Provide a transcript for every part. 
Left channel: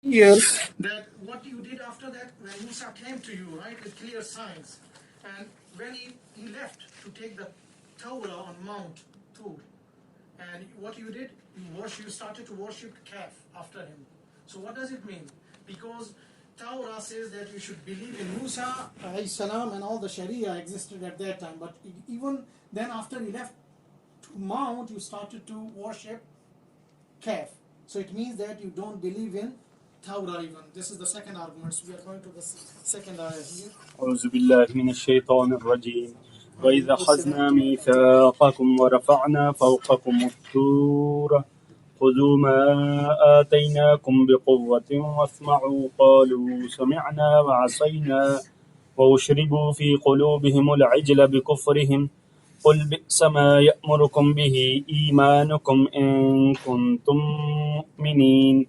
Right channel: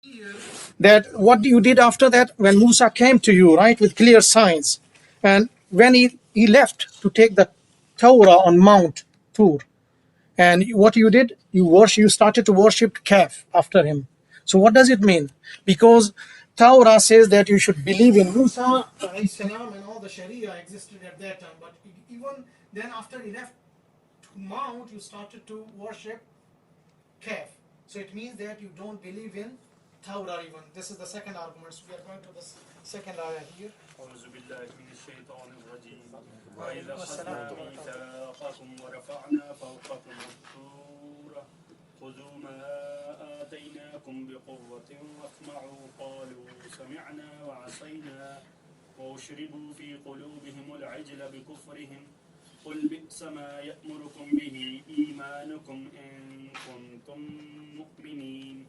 here that what you did after that when Musa came to you, right, with clear signs, and when he left to take the Torah on Mount Tur, and what you did, you started to worship calf after him. So what does it mean? Because Torah says that you should believe in Musa alayhi salam, and all the Sharia existed at that time. But even then, after he left to Mount, you started to worship calf. So it means that you don't believe in Torah even. This is the second argument. So we are going to the second ayah here. أعوذ بالله من الشيطان الرجيم وإذا أخذنا ميثاقكم ورفعنا فوقكم الطور خذوا ما آتيناكم بقوة واسمعوا قالوا سمعنا وعصينا وأشربوا في قلوبهم العجل بكفرهم قل بئس ما يأمركم به إيمانكم إن كنتم مؤمنين.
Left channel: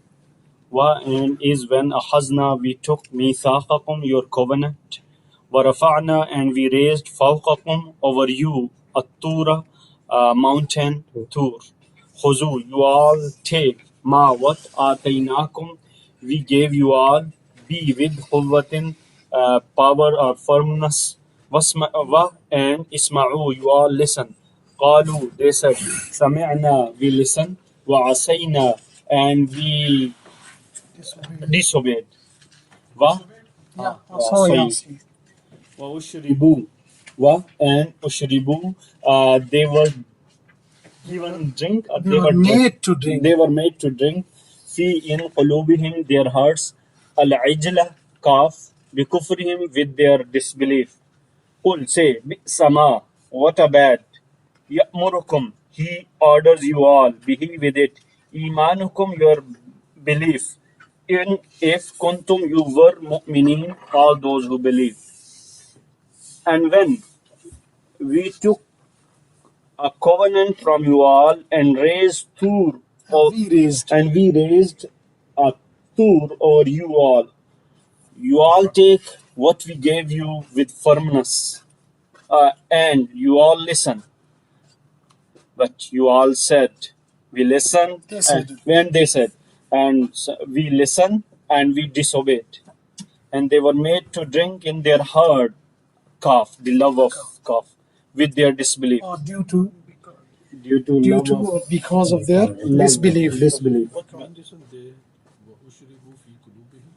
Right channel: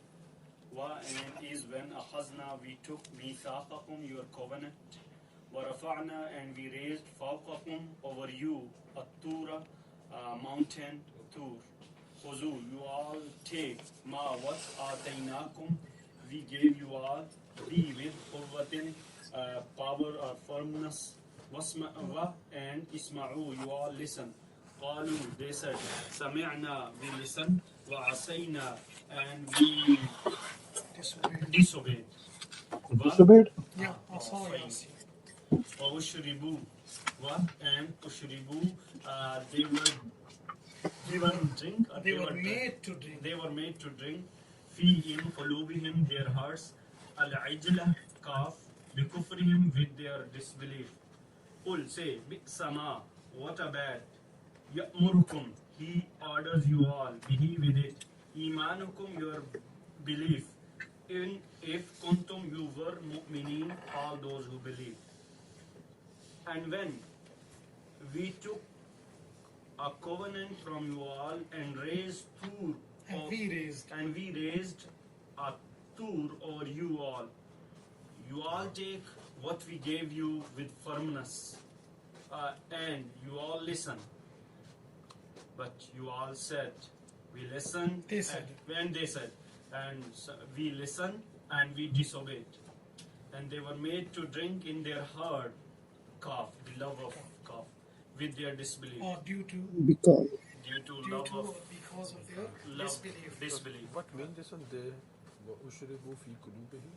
And is when أخذنا we took ميثاقكم your covenant ورفعنا and we raised فوقكم over you الطور mountain Tur. خذوا you all take ما what آتيناكم we gave you all be with قوة power or firmness and اسمعوا you all listen. قالوا they said سمعنا we listen وعصينا and we disobeyed. Disobeyed? Yeah. Sorry. وَأُشْرِبُوا and أُشْرِبُوا they were given drink. They were made to drink. They were made to drink. فِي إِن قُلُوبِهِمْ their hearts الْعِجْلَ calf بِكُفْرِهِمْ with their disbelief. قُل say بِئْسَ مَا what a bad يَأْمُرُكُمْ he orders you all به with it إِيمَانُكُمْ your belief in if kuntum you were mu'minin all those who believe. And when we took a covenant from you all and raised Tur we raised a Tur over you all take what we gave you with firmness and you all listen. But you all said we listened when they said and we listened and we disobeyed. And they were made to drink in their heart calf, the love of calf, with their disbelief. Or due to because of their disbelief. What means this one there? وَأُشْرِبُوا فِي قُلُوبِهِمْ?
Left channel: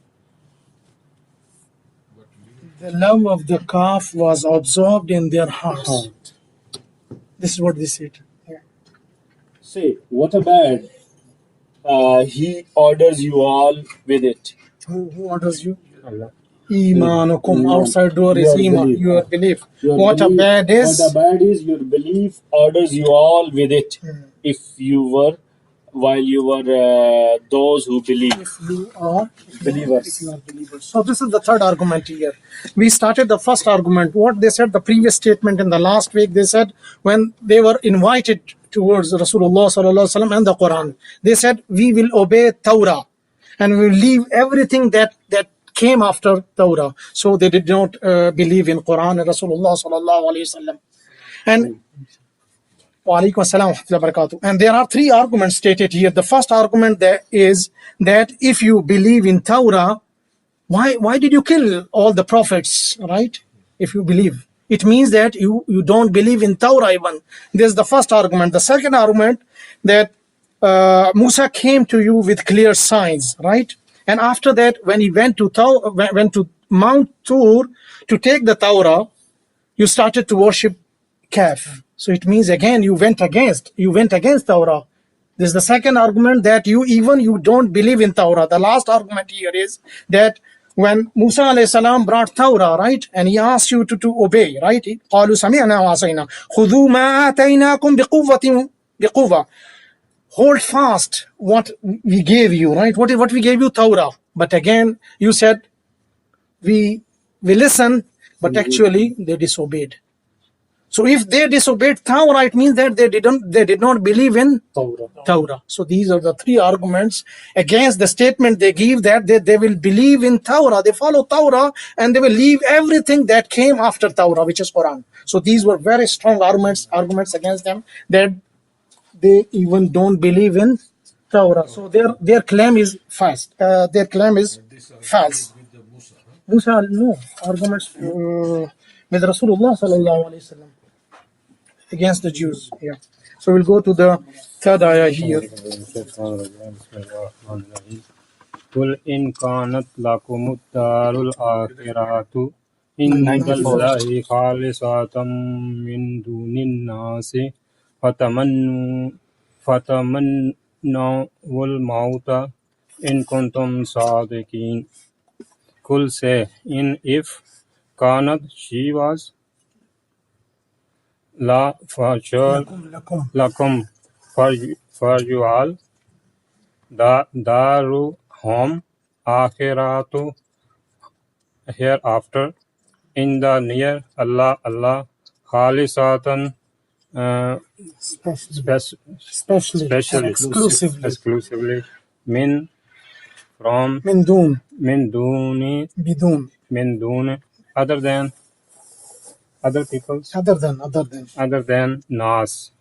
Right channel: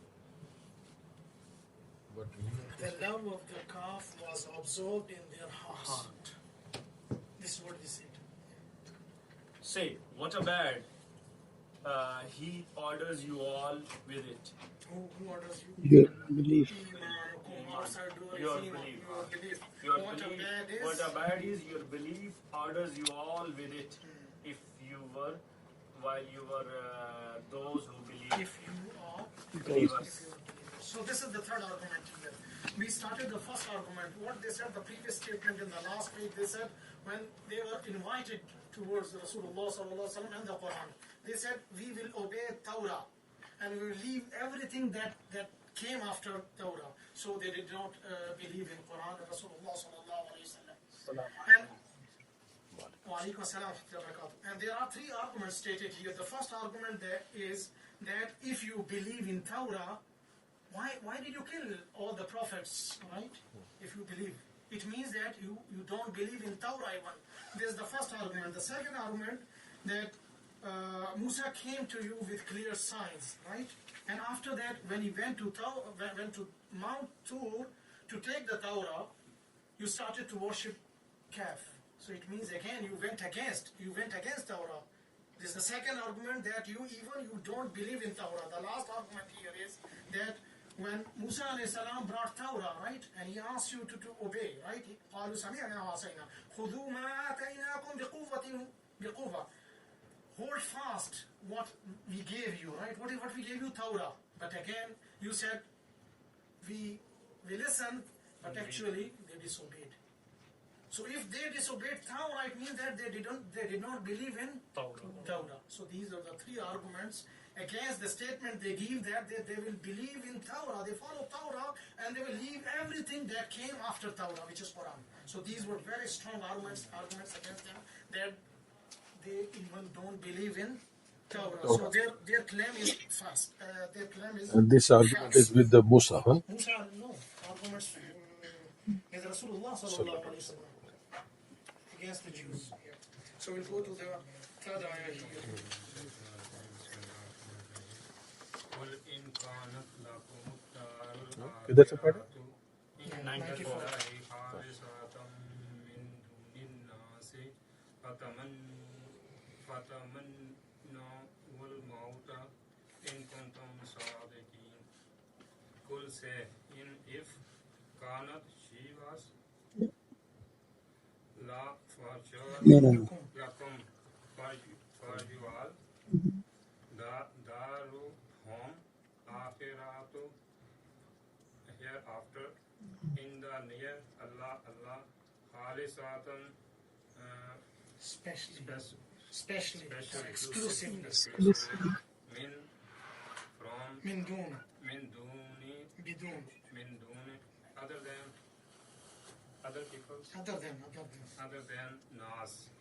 What means the love of the calf was absorbed in their hearts. This is what they said. Say, what a bad. He orders you all with it. Who orders you? Imanukum. Outside door is iman, your belief. What a bad is your belief orders you all with it. If you were, while you were those who believe. If you are believers. So this is the third argument here. We started the first argument. What they said, the previous statement in the last week, they said when they were invited towards Rasulullah sallallahu alaihi wasallam and the Qur'an, they said we will obey Torah and we will leave everything that came after Torah. So they did not believe in Qur'an and Rasulullah sallallahu alaihi wasallam. And Walaikum assalam wa rahmatullahi wa barakatuh. And there are three arguments stated here. The first argument is that if you believe in Torah, why did you kill all the prophets, right? If you believe, it means that you don't believe in Torah even. This is the first argument. The second argument that Musa came to you with clear signs, right? And after that, when he went to Mount Tur to take the Torah, you started to worship calf. So it means again you went against Torah. This is the second argument, that you don't believe in Torah. The last argument here is that when Musa alayhi salam brought Torah, right, and he asked you to obey, right? قالوا سمعنا وعصينا خذوا ما آتيناكم بقوة. Hold fast what we gave you, right? What we gave you, Torah. But again, you said we listened, but actually they disobeyed. So if they disobeyed Torah, it means that they did not believe in Torah. So these are the three arguments against the statement they give that they will believe in Torah, they follow Torah, and they will leave everything that came after Torah, which is Quran. So these were very strong arguments against them, that they even don't believe in Torah. So their claim is fast. Their claim is And this argument false. is with the Musa, huh? Musa, no arguments with Rasulullah sallallahu alaihi wasallam against the Jews. Yeah. So we'll go to the third ayah here. قل إن كانت لكم الدار الآخرة عند الله خالصة من دون الناس فتمنوا الموت إن كنتم صادقين. Qul say, in if كانت she was la for sure lakum for you all the daru home akhiratu hereafter in the near Allah khalisatan Especially exclusively min from min dun bidun other than other peoples other than nas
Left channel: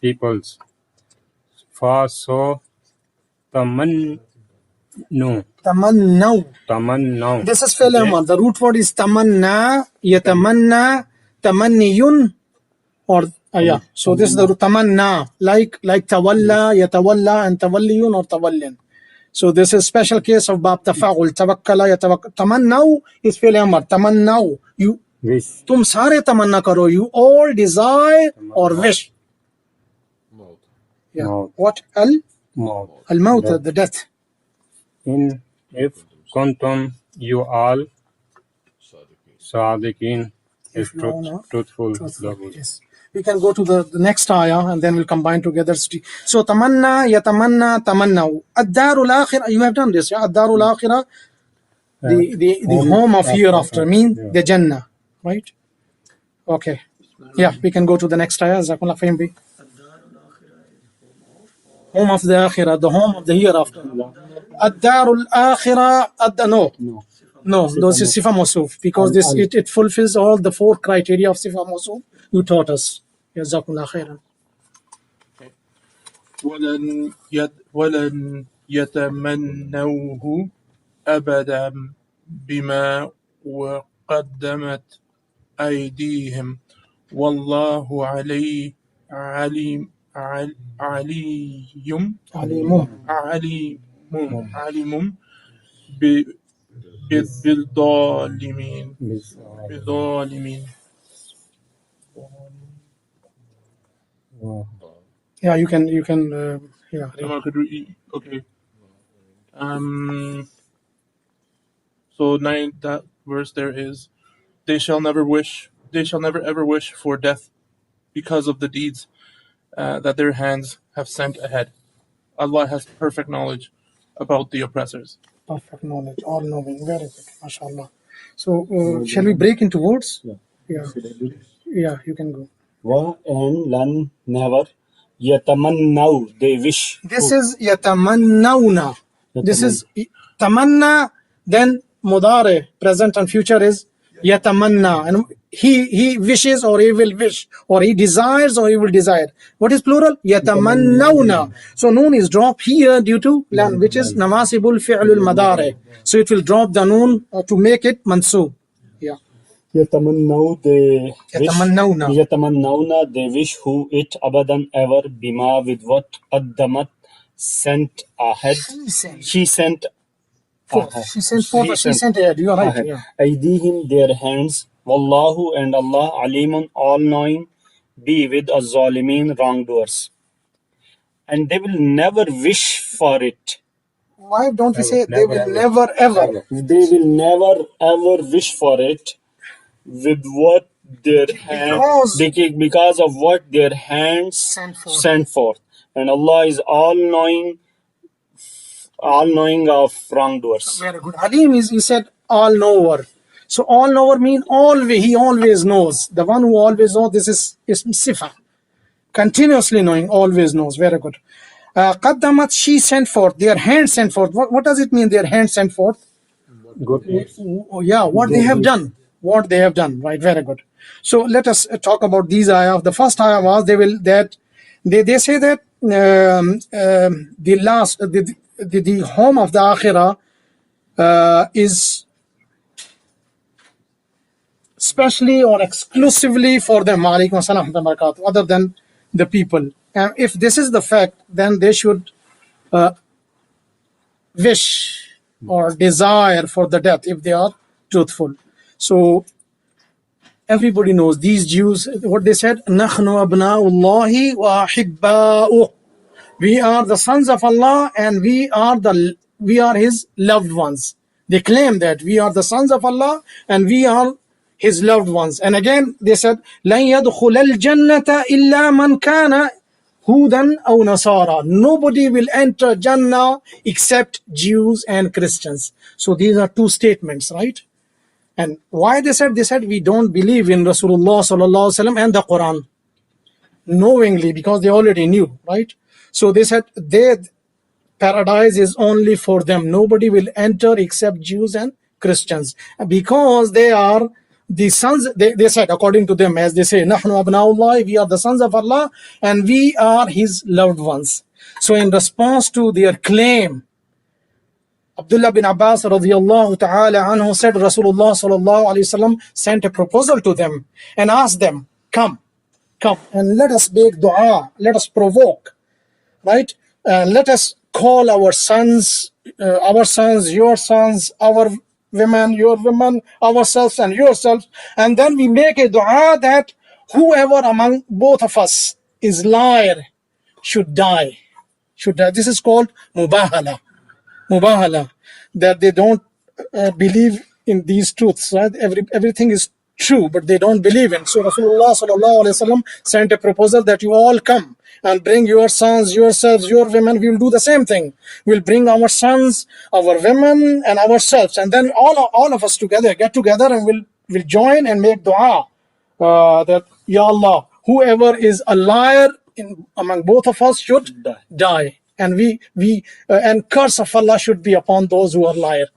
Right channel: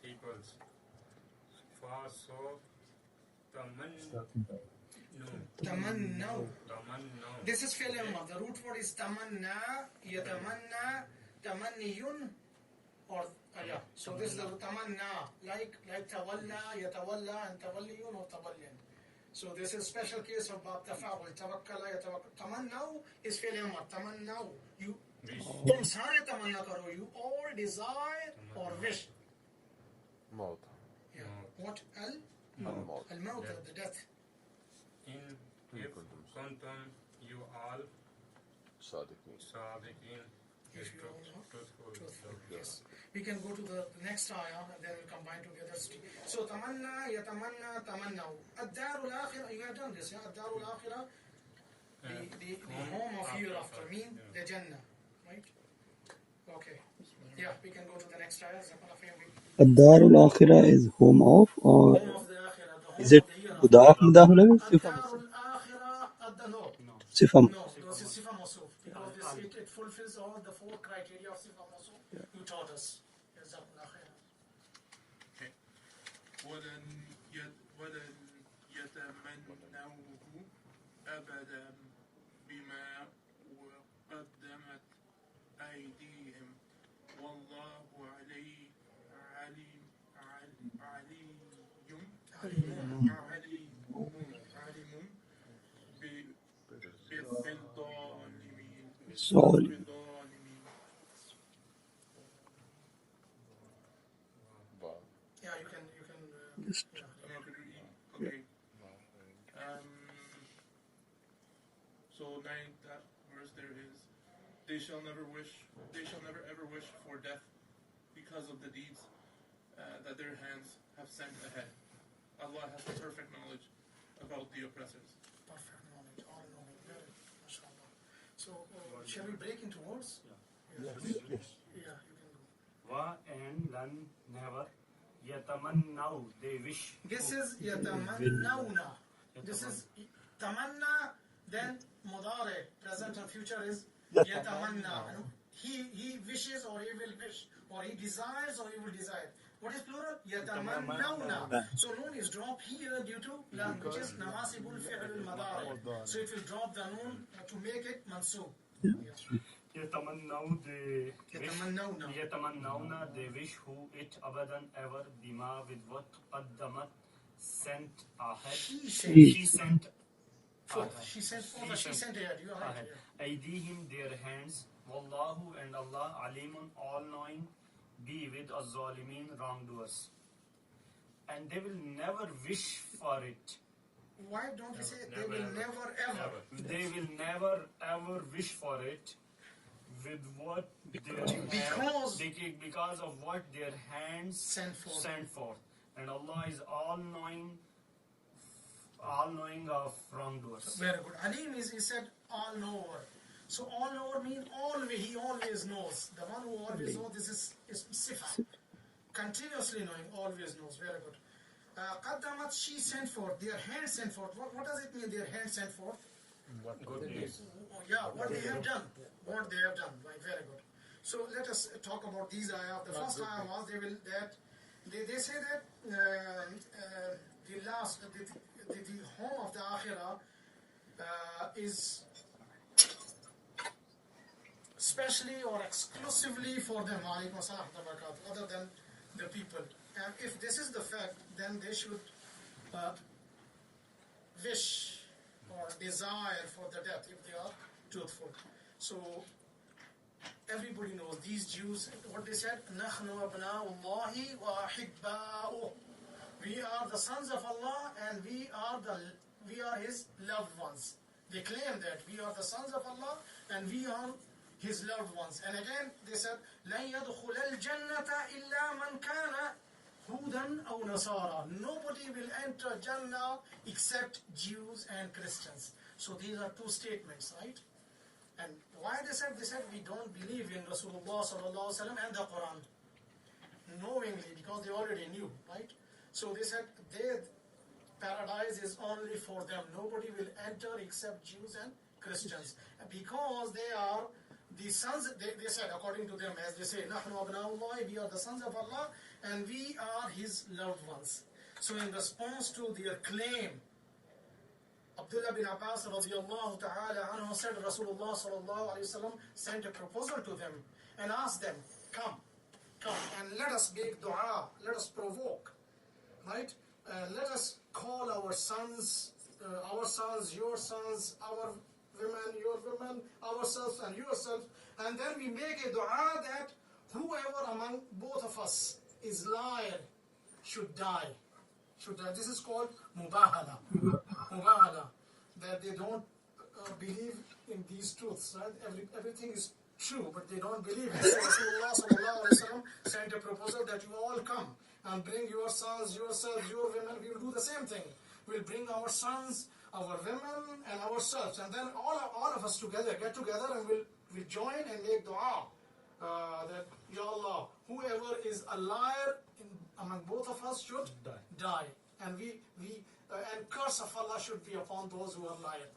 peoples for so tamannu This is fi'l amr. The root word is tamanna, yatamanna, tamanniyun, or yeah. So this is the root tamanna, like tawalla, yatawalla, and tawalliyun or tawallin. So this is special case of bab tafa'ul, tawakkala, yatawakkal. Tamannaw is fi'l amr. Tamannaw, you tum sare tamanna karo, you all desire or wish. Maut. Yeah. Maut. What? Al-maut, the death. in if kuntum you all sadiqin is truthful. Yes. We can go to the next ayah and then we'll combine together. So tamanna, yatamanna, tamannaw. Ad-darul akhirah, you have done this, yeah? Ad-darul akhirah, the home of hereafter, mean the Jannah, right? Okay. Yeah, we can go to the next ayah. Jazakumullah khairan bi. Ad-Darul Akhirah is home of, or Home of the akhirah, the home of the hereafter. Ad-darul akhirah, no, those is sifa mawsuf, because this it fulfills all the four criteria of sifa mawsuf you taught us. Jazakumullah khairan. ولن يتمنوه أبدا بما وقدمت أيديهم والله عليم بالظالمين. Yeah, you can yeah. Okay. So that verse there is, they shall never ever wish for death because of the deeds that their hands have sent ahead. Allah has perfect knowledge about the oppressors. Perfect knowledge, all knowing, very good, mashallah. So shall we break into words? Yeah, you can go. Wa and lan never yatamannaw, they wish. This is yatamannawna. This is tamanna, then mudare, present and future is yatamanna. And he wishes or he will wish, or he desires or he will desire. What is plural? Yatamannawna. So noon is dropped here due to lan, which is nawasibul fi'lul madare. So it will drop the noon to make it mansub. Yeah. Yatamannawna, they wish who it abadan ever bima, with what qaddamat sent ahead. She sent ahead. You are right. Yeah. Aydihim, their hands. Wallahu, and Allah, alimun, all knowing, be with az-zalimin, wrongdoers. And they will never wish for it. Why don't we say they will never ever? They will never ever wish for it with what their hands, because of what their hands sent forth. And Allah is all knowing of wrongdoers. Very good. Alim is, he said, all knower. So all knower means always, he always knows. The one who always knows, this is sifa. Continuously knowing, always knows. Very good. Qaddamat, she sent forth, their hands sent forth. What does it mean, their hands sent forth? Good. Yeah, what they have done. What they have done, right? Very good. So let us talk about these ayah. The first ayah was they say that the home of the akhirah is specially or exclusively for them, alaikum assalam wa rahmatullahi wa barakatuh, other than the people. And if this is the fact, then they should wish or desire for the death if they are truthful. So everybody knows these Jews, what they said, نَحْنُ أَبْنَاءُ اللَّهِ وَأَحِبَّاؤُهُ. We are the sons of Allah and we are His loved ones. They claim that we are the sons of Allah and we are His loved ones. And again they said, لَن يَدْخُلَ الْجَنَّةَ إِلَّا مَنْ كَانَ هُودًا أَوْ نَصَارَى. Nobody will enter Jannah except Jews and Christians. So these are two statements, right? And why they said? They said we don't believe in Rasulullah sallallahu alaihi wasallam and the Qur'an, knowingly, because they already knew, right? So they said their paradise is only for them. Nobody will enter except Jews and Christians, because they are the sons. They said, according to them, as they say, "Nahnu abna'ullah," we are the sons of Allah and we are His loved ones. So in response to their claim, Abdullah bin Abbas radiyallahu ta'ala anhu said Rasulullah sallallahu alayhi wasallam sent a proposal to them and asked them, come and let us make dua, let us provoke, right? Let us call our sons, your sons, our women, your women, ourselves and yourselves, and then we make a dua that whoever among both of us is liar should die. This is called mubahala, that they don't believe in these truths, right? Everything is true, but they don't believe in. So Rasulullah sallallahu alaihi wasallam sent a proposal that you all come and bring your sons, yourselves, your women. We will do the same thing. We'll bring our sons, our women, and ourselves, and then all of us together get together and we'll join and make dua that Ya Allah, whoever is a liar among both of us should die. And and curse of Allah should be upon those who are liar.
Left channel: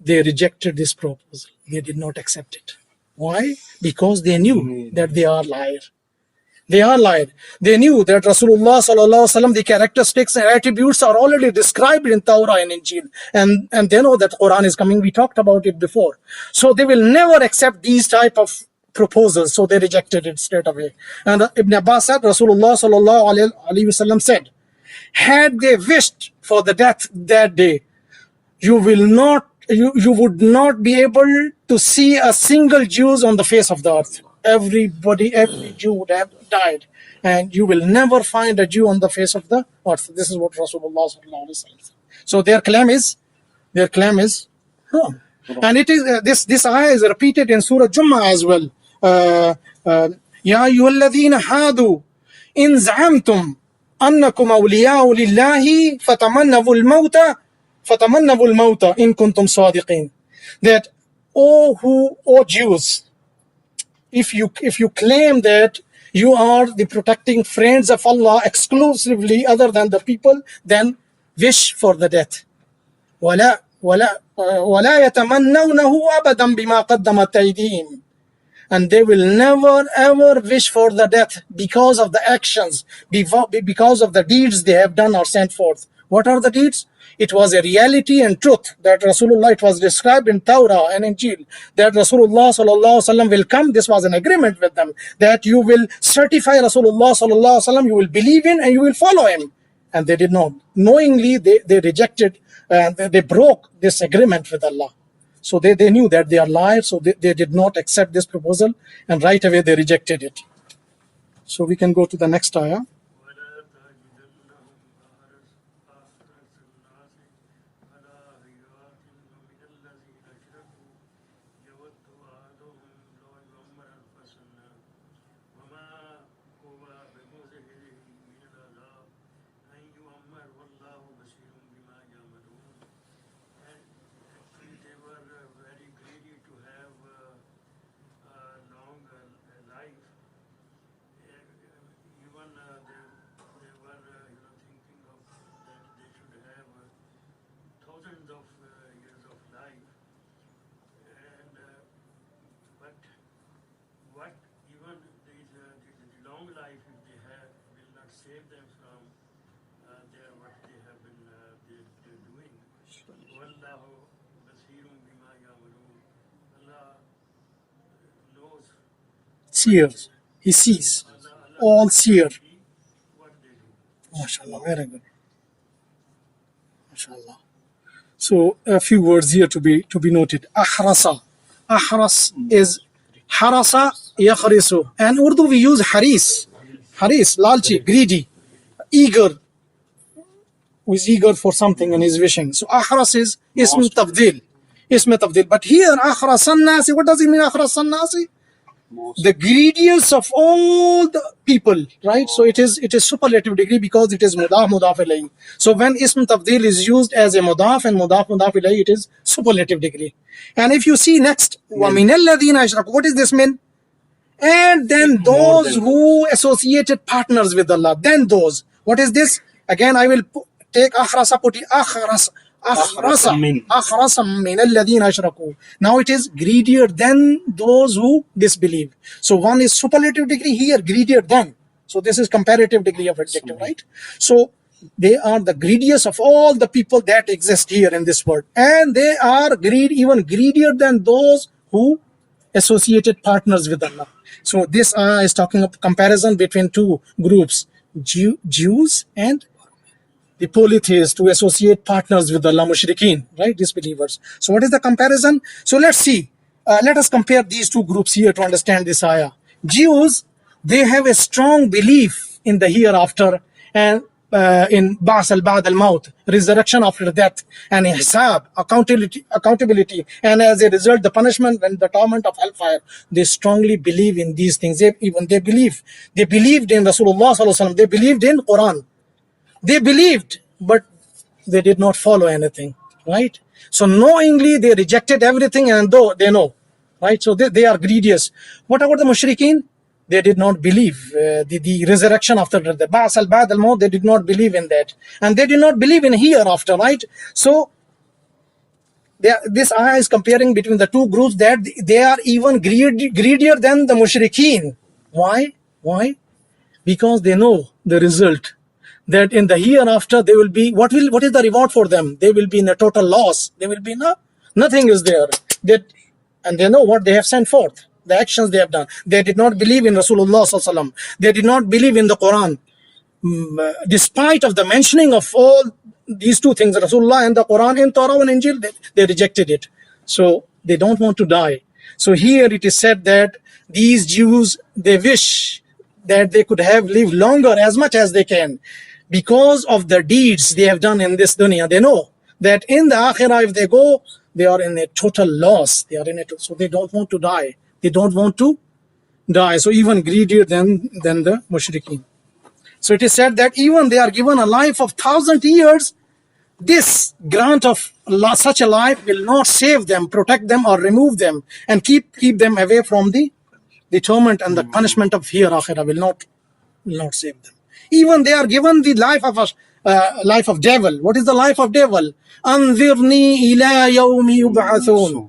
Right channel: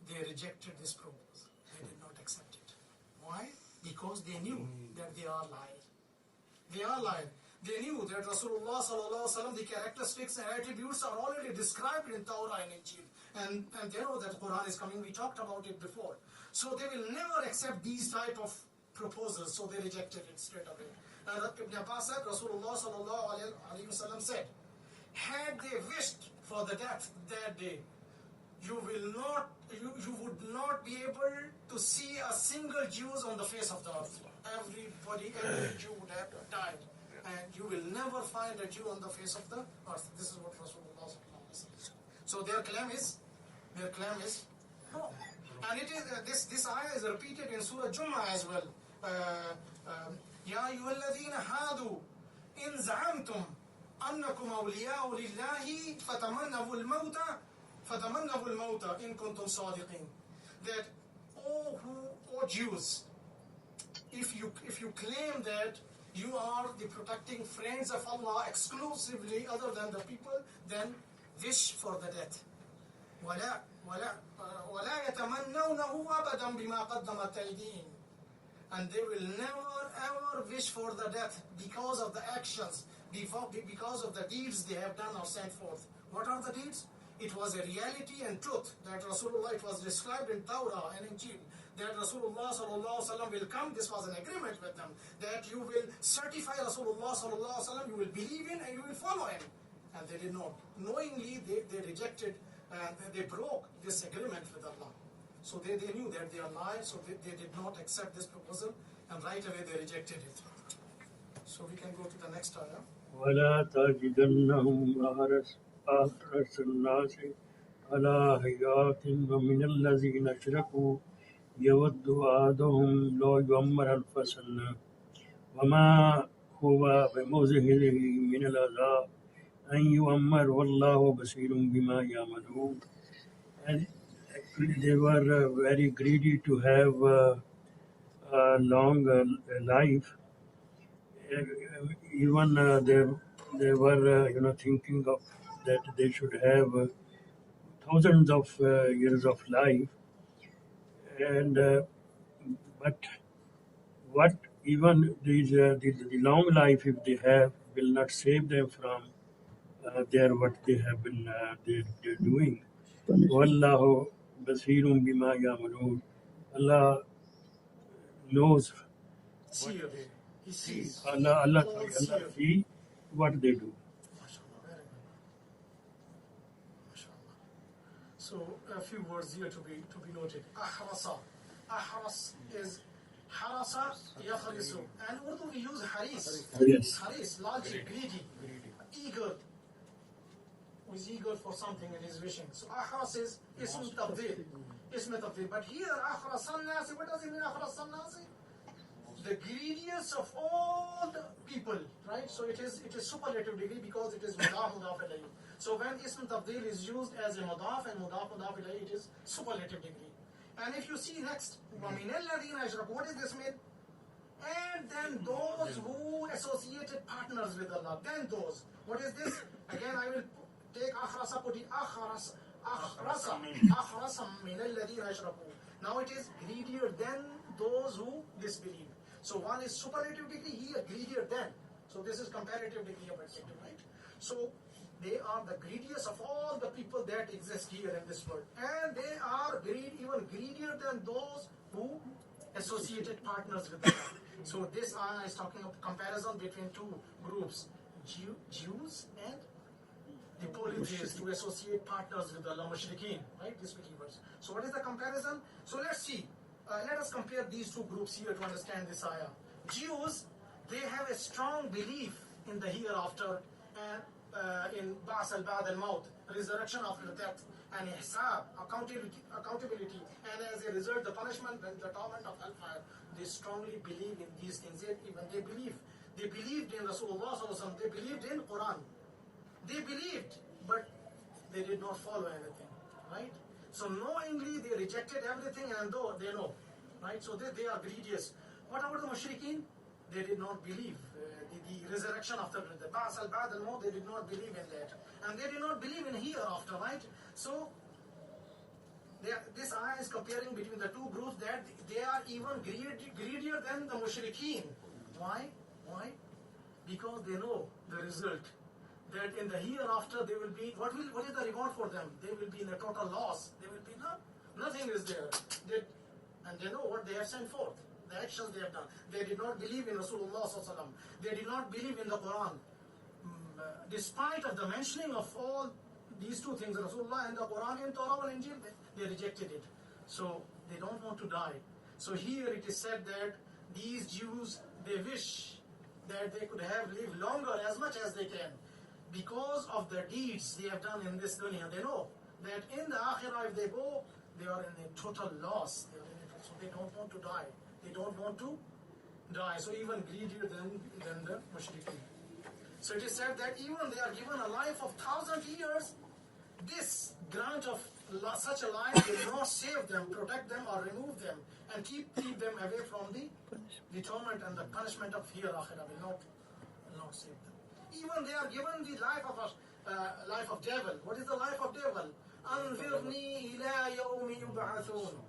They rejected this proposal. They did not accept it. Why? Because they knew that they are liar. They are liar. They knew that Rasulullah sallallahu alaihi wasallam, the characteristics and attributes are already described in Torah and Injil, and they know that Quran is coming. We talked about it before. So they will never accept these type of proposals. So they rejected it straight away. And Ibn Abbas said, Rasulullah sallallahu alaihi wasallam said, had they wished for the death that day, you would not be able to see a single Jew on the face of the earth. Every Jew would have died, and you will never find a Jew on the face of the earth. This is what Rasulullah sallallahu alaihi wasallam said. So their claim is wrong. And it is this ayah is repeated in Surah Jummah as well. Ya ayyuhalladhina hadu in za'amtum annakum awliya'u lillahi fatamannawu al-mawta in kuntum sadiqin. That O Jews, if you claim that you are the protecting friends of Allah exclusively other than the people, then wish for the death. ولا يتمنونه أبدا بما قدمت أيديهم. And they will never ever wish for the death because of the actions, because of the deeds they have done or sent forth. What are the deeds? It was a reality and truth that Rasulullah, it was described in Torah and Injil, that Rasulullah sallallahu alaihi wasallam will come. This was an agreement with them, that you will certify Rasulullah sallallahu alaihi wasallam, you will believe in and you will follow him. And they did not. Knowingly, they rejected, they broke this agreement with Allah. So they knew that they are liars, so they did not accept this proposal, and right away they rejected it. So we can go to the next ayah. ولا تجدنهم أحرص الناس على حياة ومن الذين أشركوا يود أحدهم لو يعمر ألف سنة وما هو بمزحزحه من العذاب أن يعمر والله بصير بما يعملون. And actually they were very greedy to have a long life. Even they were thinking of that they should have thousands of years of life, and but what even the long life if they have, will not save them from their what they have been they're doing. Wallahu basirun bima ya'malun. Allah knows. Seers. He sees. Allah All seer. see what they do. MashaAllah, very good. MashaAllah. So a few words here to be noted. Ahrasa. Ahras is harasa yakhrisu. And Urdu we use haris. Haris, lalchi, greedy, eager, who is eager for something and is wishing. So ahras is ism tafdil. Ism tafdil. But here ahrasan nasi, what does it mean ahrasan nasi? The greediest of all the people, right? So it is superlative degree because it is mudaf ilayhi. So when ism tafdil is used as a mudaf and mudaf ilayhi, it is superlative degree. And if you see next, وَمِنَ الَّذِينَ أَشْرَكُوا, what does this mean? And then those who associated partners with Allah, then those. What is this? Again, I will take akhrasa, put it akhrasa min alladhina ashraku. Now it is greedier than those who disbelieve. So one is superlative degree here, greedier than. So this is comparative degree of adjective, right? So they are the greediest of all the people that exist here in this world. And they are even greedier than those who associated partners with Allah. So this is talking of comparison between two groups, Jews and the polytheists who associate partners with Allah, mushrikeen, right, disbelievers. So what is the comparison? So let's see. Let us compare these two groups here to understand this ayah. Jews, they have a strong belief in the hereafter and in Ba'as al-Ba'd al-Maut, resurrection after death, and hisab, accountability, and as a result, the punishment and the torment of hellfire. They strongly believe in these things. They believed in Rasulullah sallallahu alaihi wasallam. They believed in Qur'an. They believed, but they did not follow anything, right? So knowingly, they rejected everything, and though they know, right? So they are greediest. What about the mushrikeen? They did not believe the resurrection after the Ba'as al-Ba'd al-Maut. They did not believe in that, and they did not believe in hereafter, right? So this ayah is comparing between the two groups that they are even greedier than the mushrikeen. Why? Because they know the result. That in the hereafter they will be, what is the reward for them? They will be in a total loss. They will be nothing is there. And they know what they have sent forth, the actions they have done. They did not believe in Rasulullah sallallahu alaihi wasallam. They did not believe in the Quran. Despite of the mentioning of all these two things, Rasulullah and the Quran, in Torah and Injil, they rejected it. So they don't want to die. So here it is said that these Jews, they wish that they could have lived longer as much as they can. Because of the deeds they have done in this dunya, they know that in the akhirah, if they go, they are in a total loss. So they don't want to die. They don't want to die. So even greedier than the mushrikeen. So it is said that even they are given a life of 1,000 years, this grant of such a life will not save them, protect them, or remove them, and keep them away from the torment and the punishment of hereafter will not save them. Even they are given the life of devil. What is the life of devil? Anzirni ila yawmi yub'athun.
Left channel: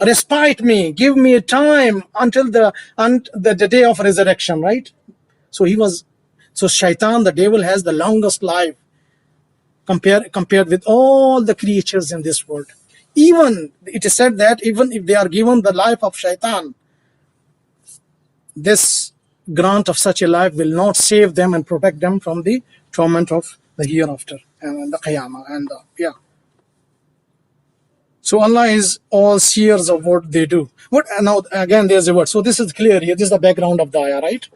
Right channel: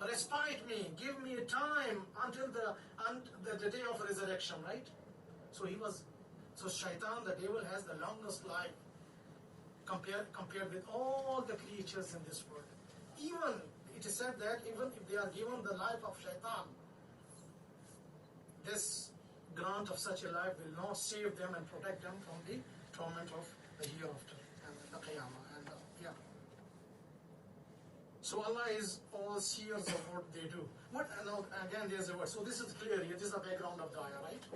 Respite me, give me a time until the day of resurrection, right? So shaitan, the devil, has the longest life compared with all the creatures in this world. Even it is said that even if they are given the life of shaitan, this grant of such a life will not save them and protect them from the torment of the hereafter and the qiyamah So Allah is all seers of what they do. Now again there's a word. So this is clear here. This is the background of the ayah, right?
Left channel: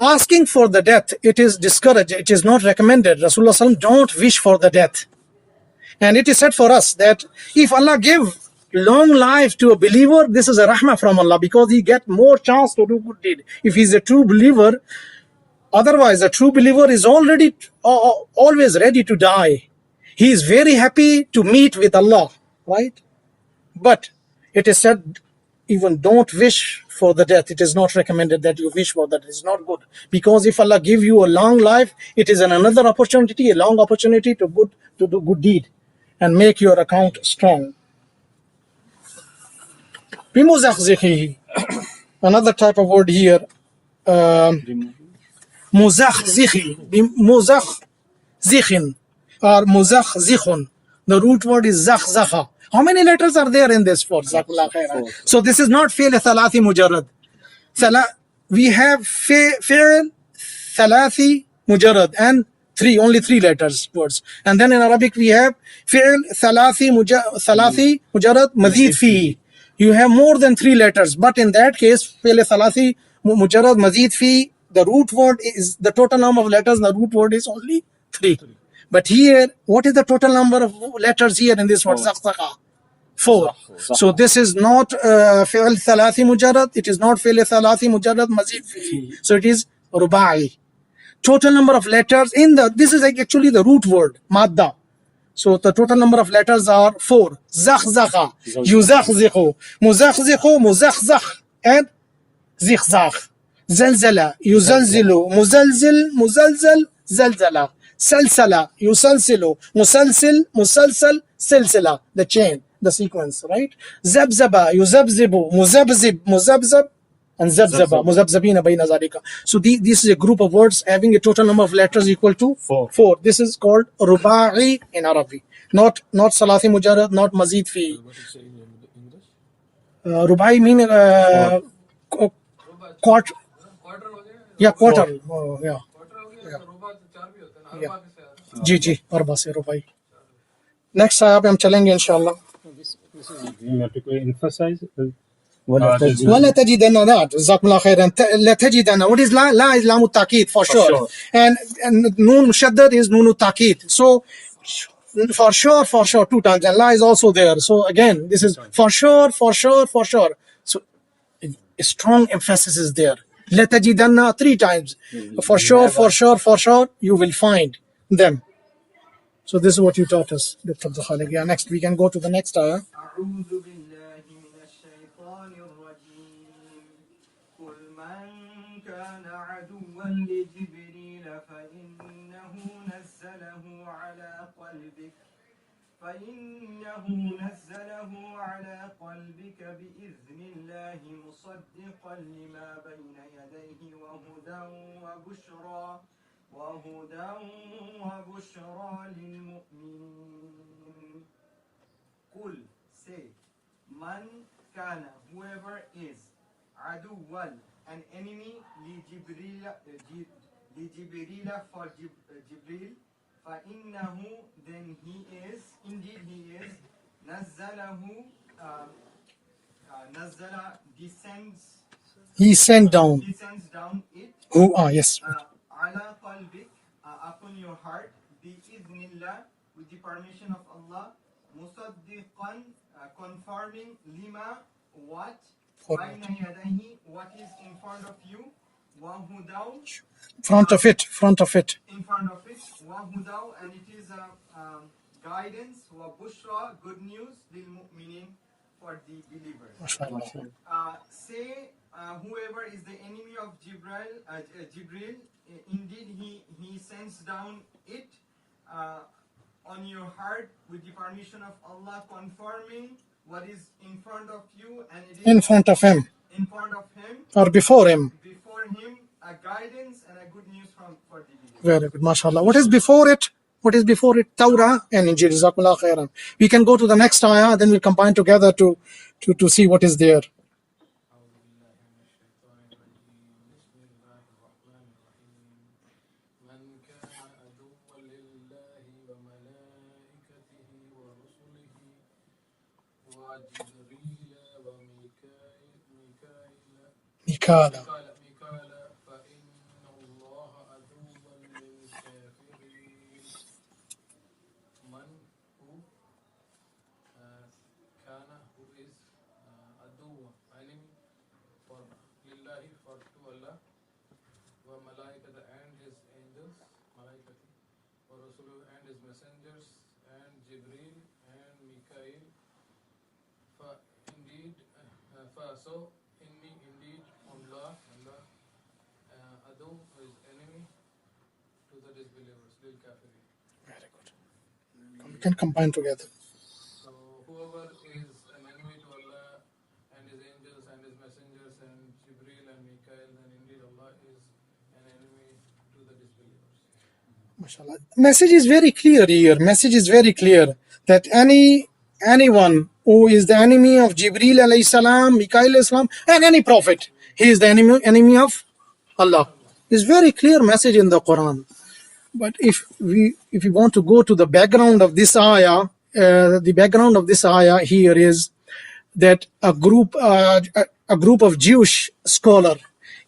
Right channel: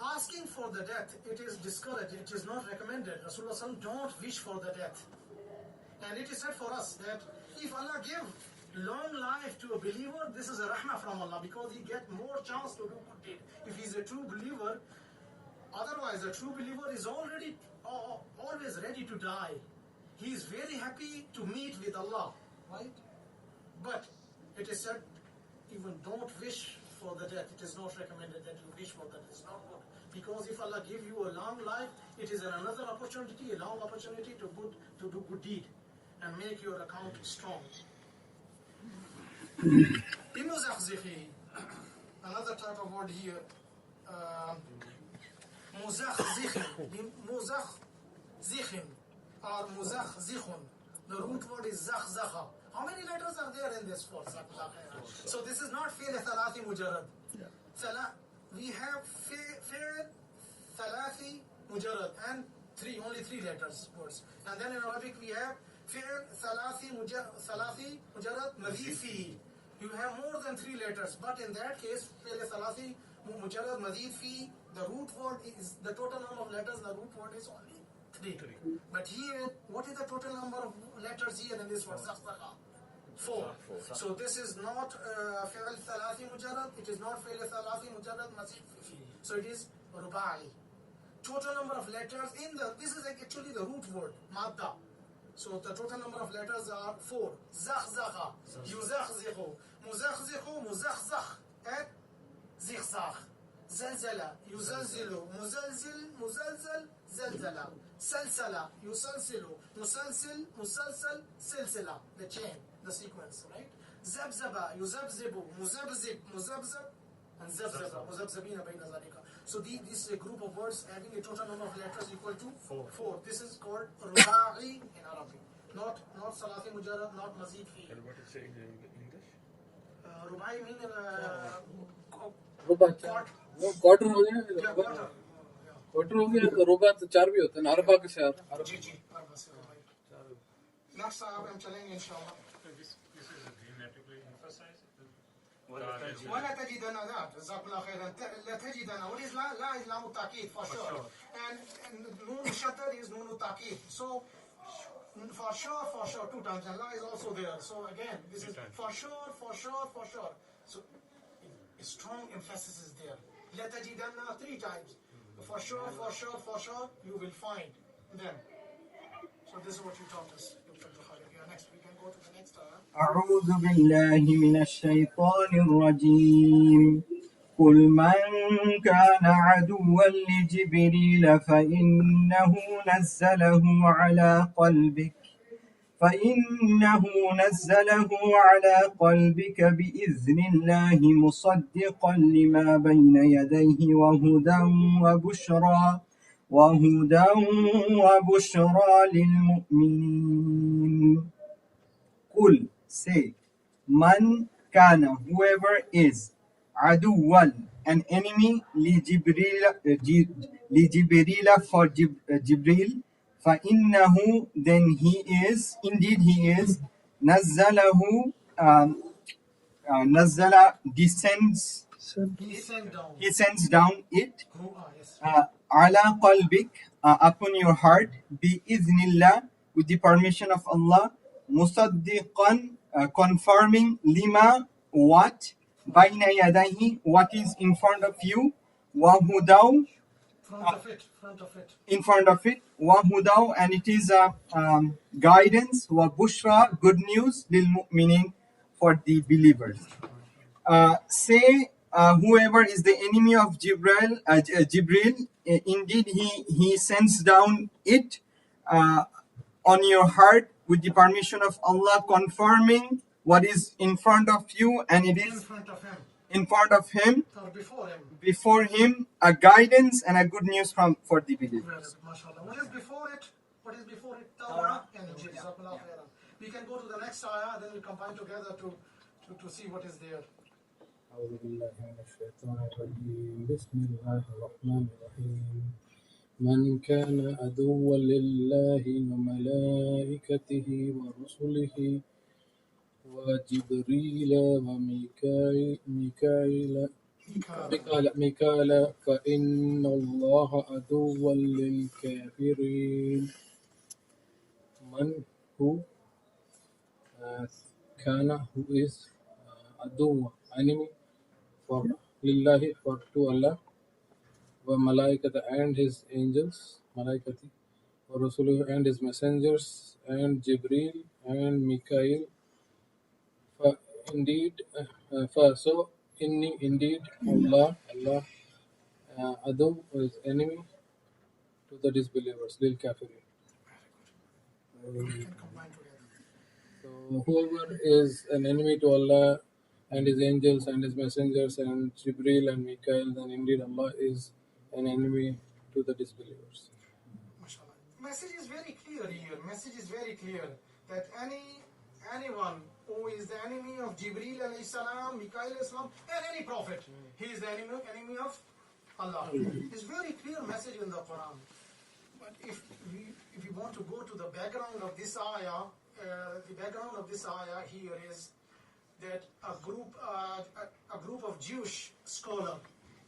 Asking for the death, it is discouraged. It is not recommended. Rasulullah sallallahu alaihi wasallam don't wish for the death. And it is said for us that if Allah give long life to a believer, this is a rahmah from Allah, because he get more chance to do good deed. If he's a true believer, otherwise a true believer is already always ready to die. He is very happy to meet with Allah, right? But it is said, even don't wish for the death. It is not recommended that you wish for that. It is not good, because if Allah give you a long life, it is another opportunity, a long opportunity to do good deed and make your account strong. Another type of word here, Muzakhzikhi, muzakhzikhin, or muzakhzikhun. The root word is zakhzakha. How many letters are there in this word? Jazakallah khairan. So this is not fi'l thalathi mujarrad. We have fi'l thalathi mujarrad and only three letters words. And then in Arabic we have fi'l thalathi mujarrad mazid fi. You have more than three letters, but in that case fi'l thalathi mujarrad mazid fi, the root word is the total number of letters, the root word is only three. But here, what is the total number of letters here in this word? Zakhzakha. 4. So this is not fi'l thalathi mujarrad, it is not fi'l thalathi mujarrad mazid fi. So it is rubai. Total number of letters in this is actually the root word, madda. So the total number of letters are 4. Zakhzakha, yuzakhzikhu, muzakhzikhu, muzakhzakh, and zikhzakh. Zalzala, yuzalzilu, muzalzil, muzalzal, zalzala. Salsala, yusalsilu, musalsil, musalsal, silsila. The chain, the sequence, right? Zabzaba, yuzabzibu, muzabzib, muzabzab, and zabzaba, muzabzabina bayna zalika. So this is a group of words having a total number of letters equal to 4. This is called ruba'i in Arabic. Not salathi mujarrad, not mazid fi. What is saying in English? Ruba'i mean quarter. Quarter हो गया Yeah, quarter. Yeah. Quarter हो गया तो रुबा तो 4 भी होते हैं अरबा के से आ रहा है जी अरबा से रुबाई. Next आया पे हम चलेंगे इंशाल्लाह. This is grammatically emphasized. ولا تجدن that جزاكم الله خيرا. لا تجدن, what is la? La is لام التأكيد for sure. And nun mushaddad is nun التأكيد. So for sure 2 times, and la is also there. So again, this is for sure. So a strong emphasis is there. La tajidanna 3 times. For sure, you will find them. So this is what you taught us, Dr. Khalik. Yeah, next we can go to the next ayah. أعوذ بالله من الشيطان الرجيم قل من كان عدوا لجبريل فإنه نزله على قلبك بإذن الله مصدقا لما بين يديه وهدى وبشرى للمؤمنين. قل, say, man kana, whoever is, aduwan, an enemy, li Jibril for Jibril, فإنه, then indeed he is, نزله, nazala, descends down it, Yes. ala qalbik, upon your heart, bi'idhnillah, with the permission of Allah, musaddiqan, confirming, lima, what, bayna yadayhi, what is in front of you, wa hudaw, Front of it. in front of it, wa hudaw, and it is a guidance, wa bushra, good news, lil mu'minin, for the believers. Say, whoever is the enemy of Jibril, indeed he sends down it on your heart with the permission of Allah, confirming what is in front of you, and it is In front of him or before him, a guidance and a good news for the believers. very good, mashallah. What is before it? Torah and Injil. Jazakumullah khairan. We can go to the next ayah, then we'll combine together to see what is there. أعوذ بالله من الشيطان الرجيم بسم الله الرحمن الرحيم من كان عدوا لله وملائكته ورسله وجبريل وميكال فإن الله عدو للكافرين. من who who is عدو, enemy, for lillahi, for to Allah, wa malaikata, and his angels, malaikati, wa rasuluhu, and his messengers, and Jibril and Mikael. Indeed Allah adu is enemy to the disbelievers, lil kafirin. We can combine together. So whoever is an enemy to Allah and his angels and his messengers and Jibril and Mikael, then indeed Allah is an enemy to the disbelievers. MashaAllah. Message is very clear here. Message is very clear that anyone who is the enemy of Jibreel alayhi salam, Mikail alayhi salam, and any prophet, he is the enemy of Allah. It's very clear message in the Quran. But if we want to go to the background of this ayah, the background of this ayah here is that a group of Jewish scholar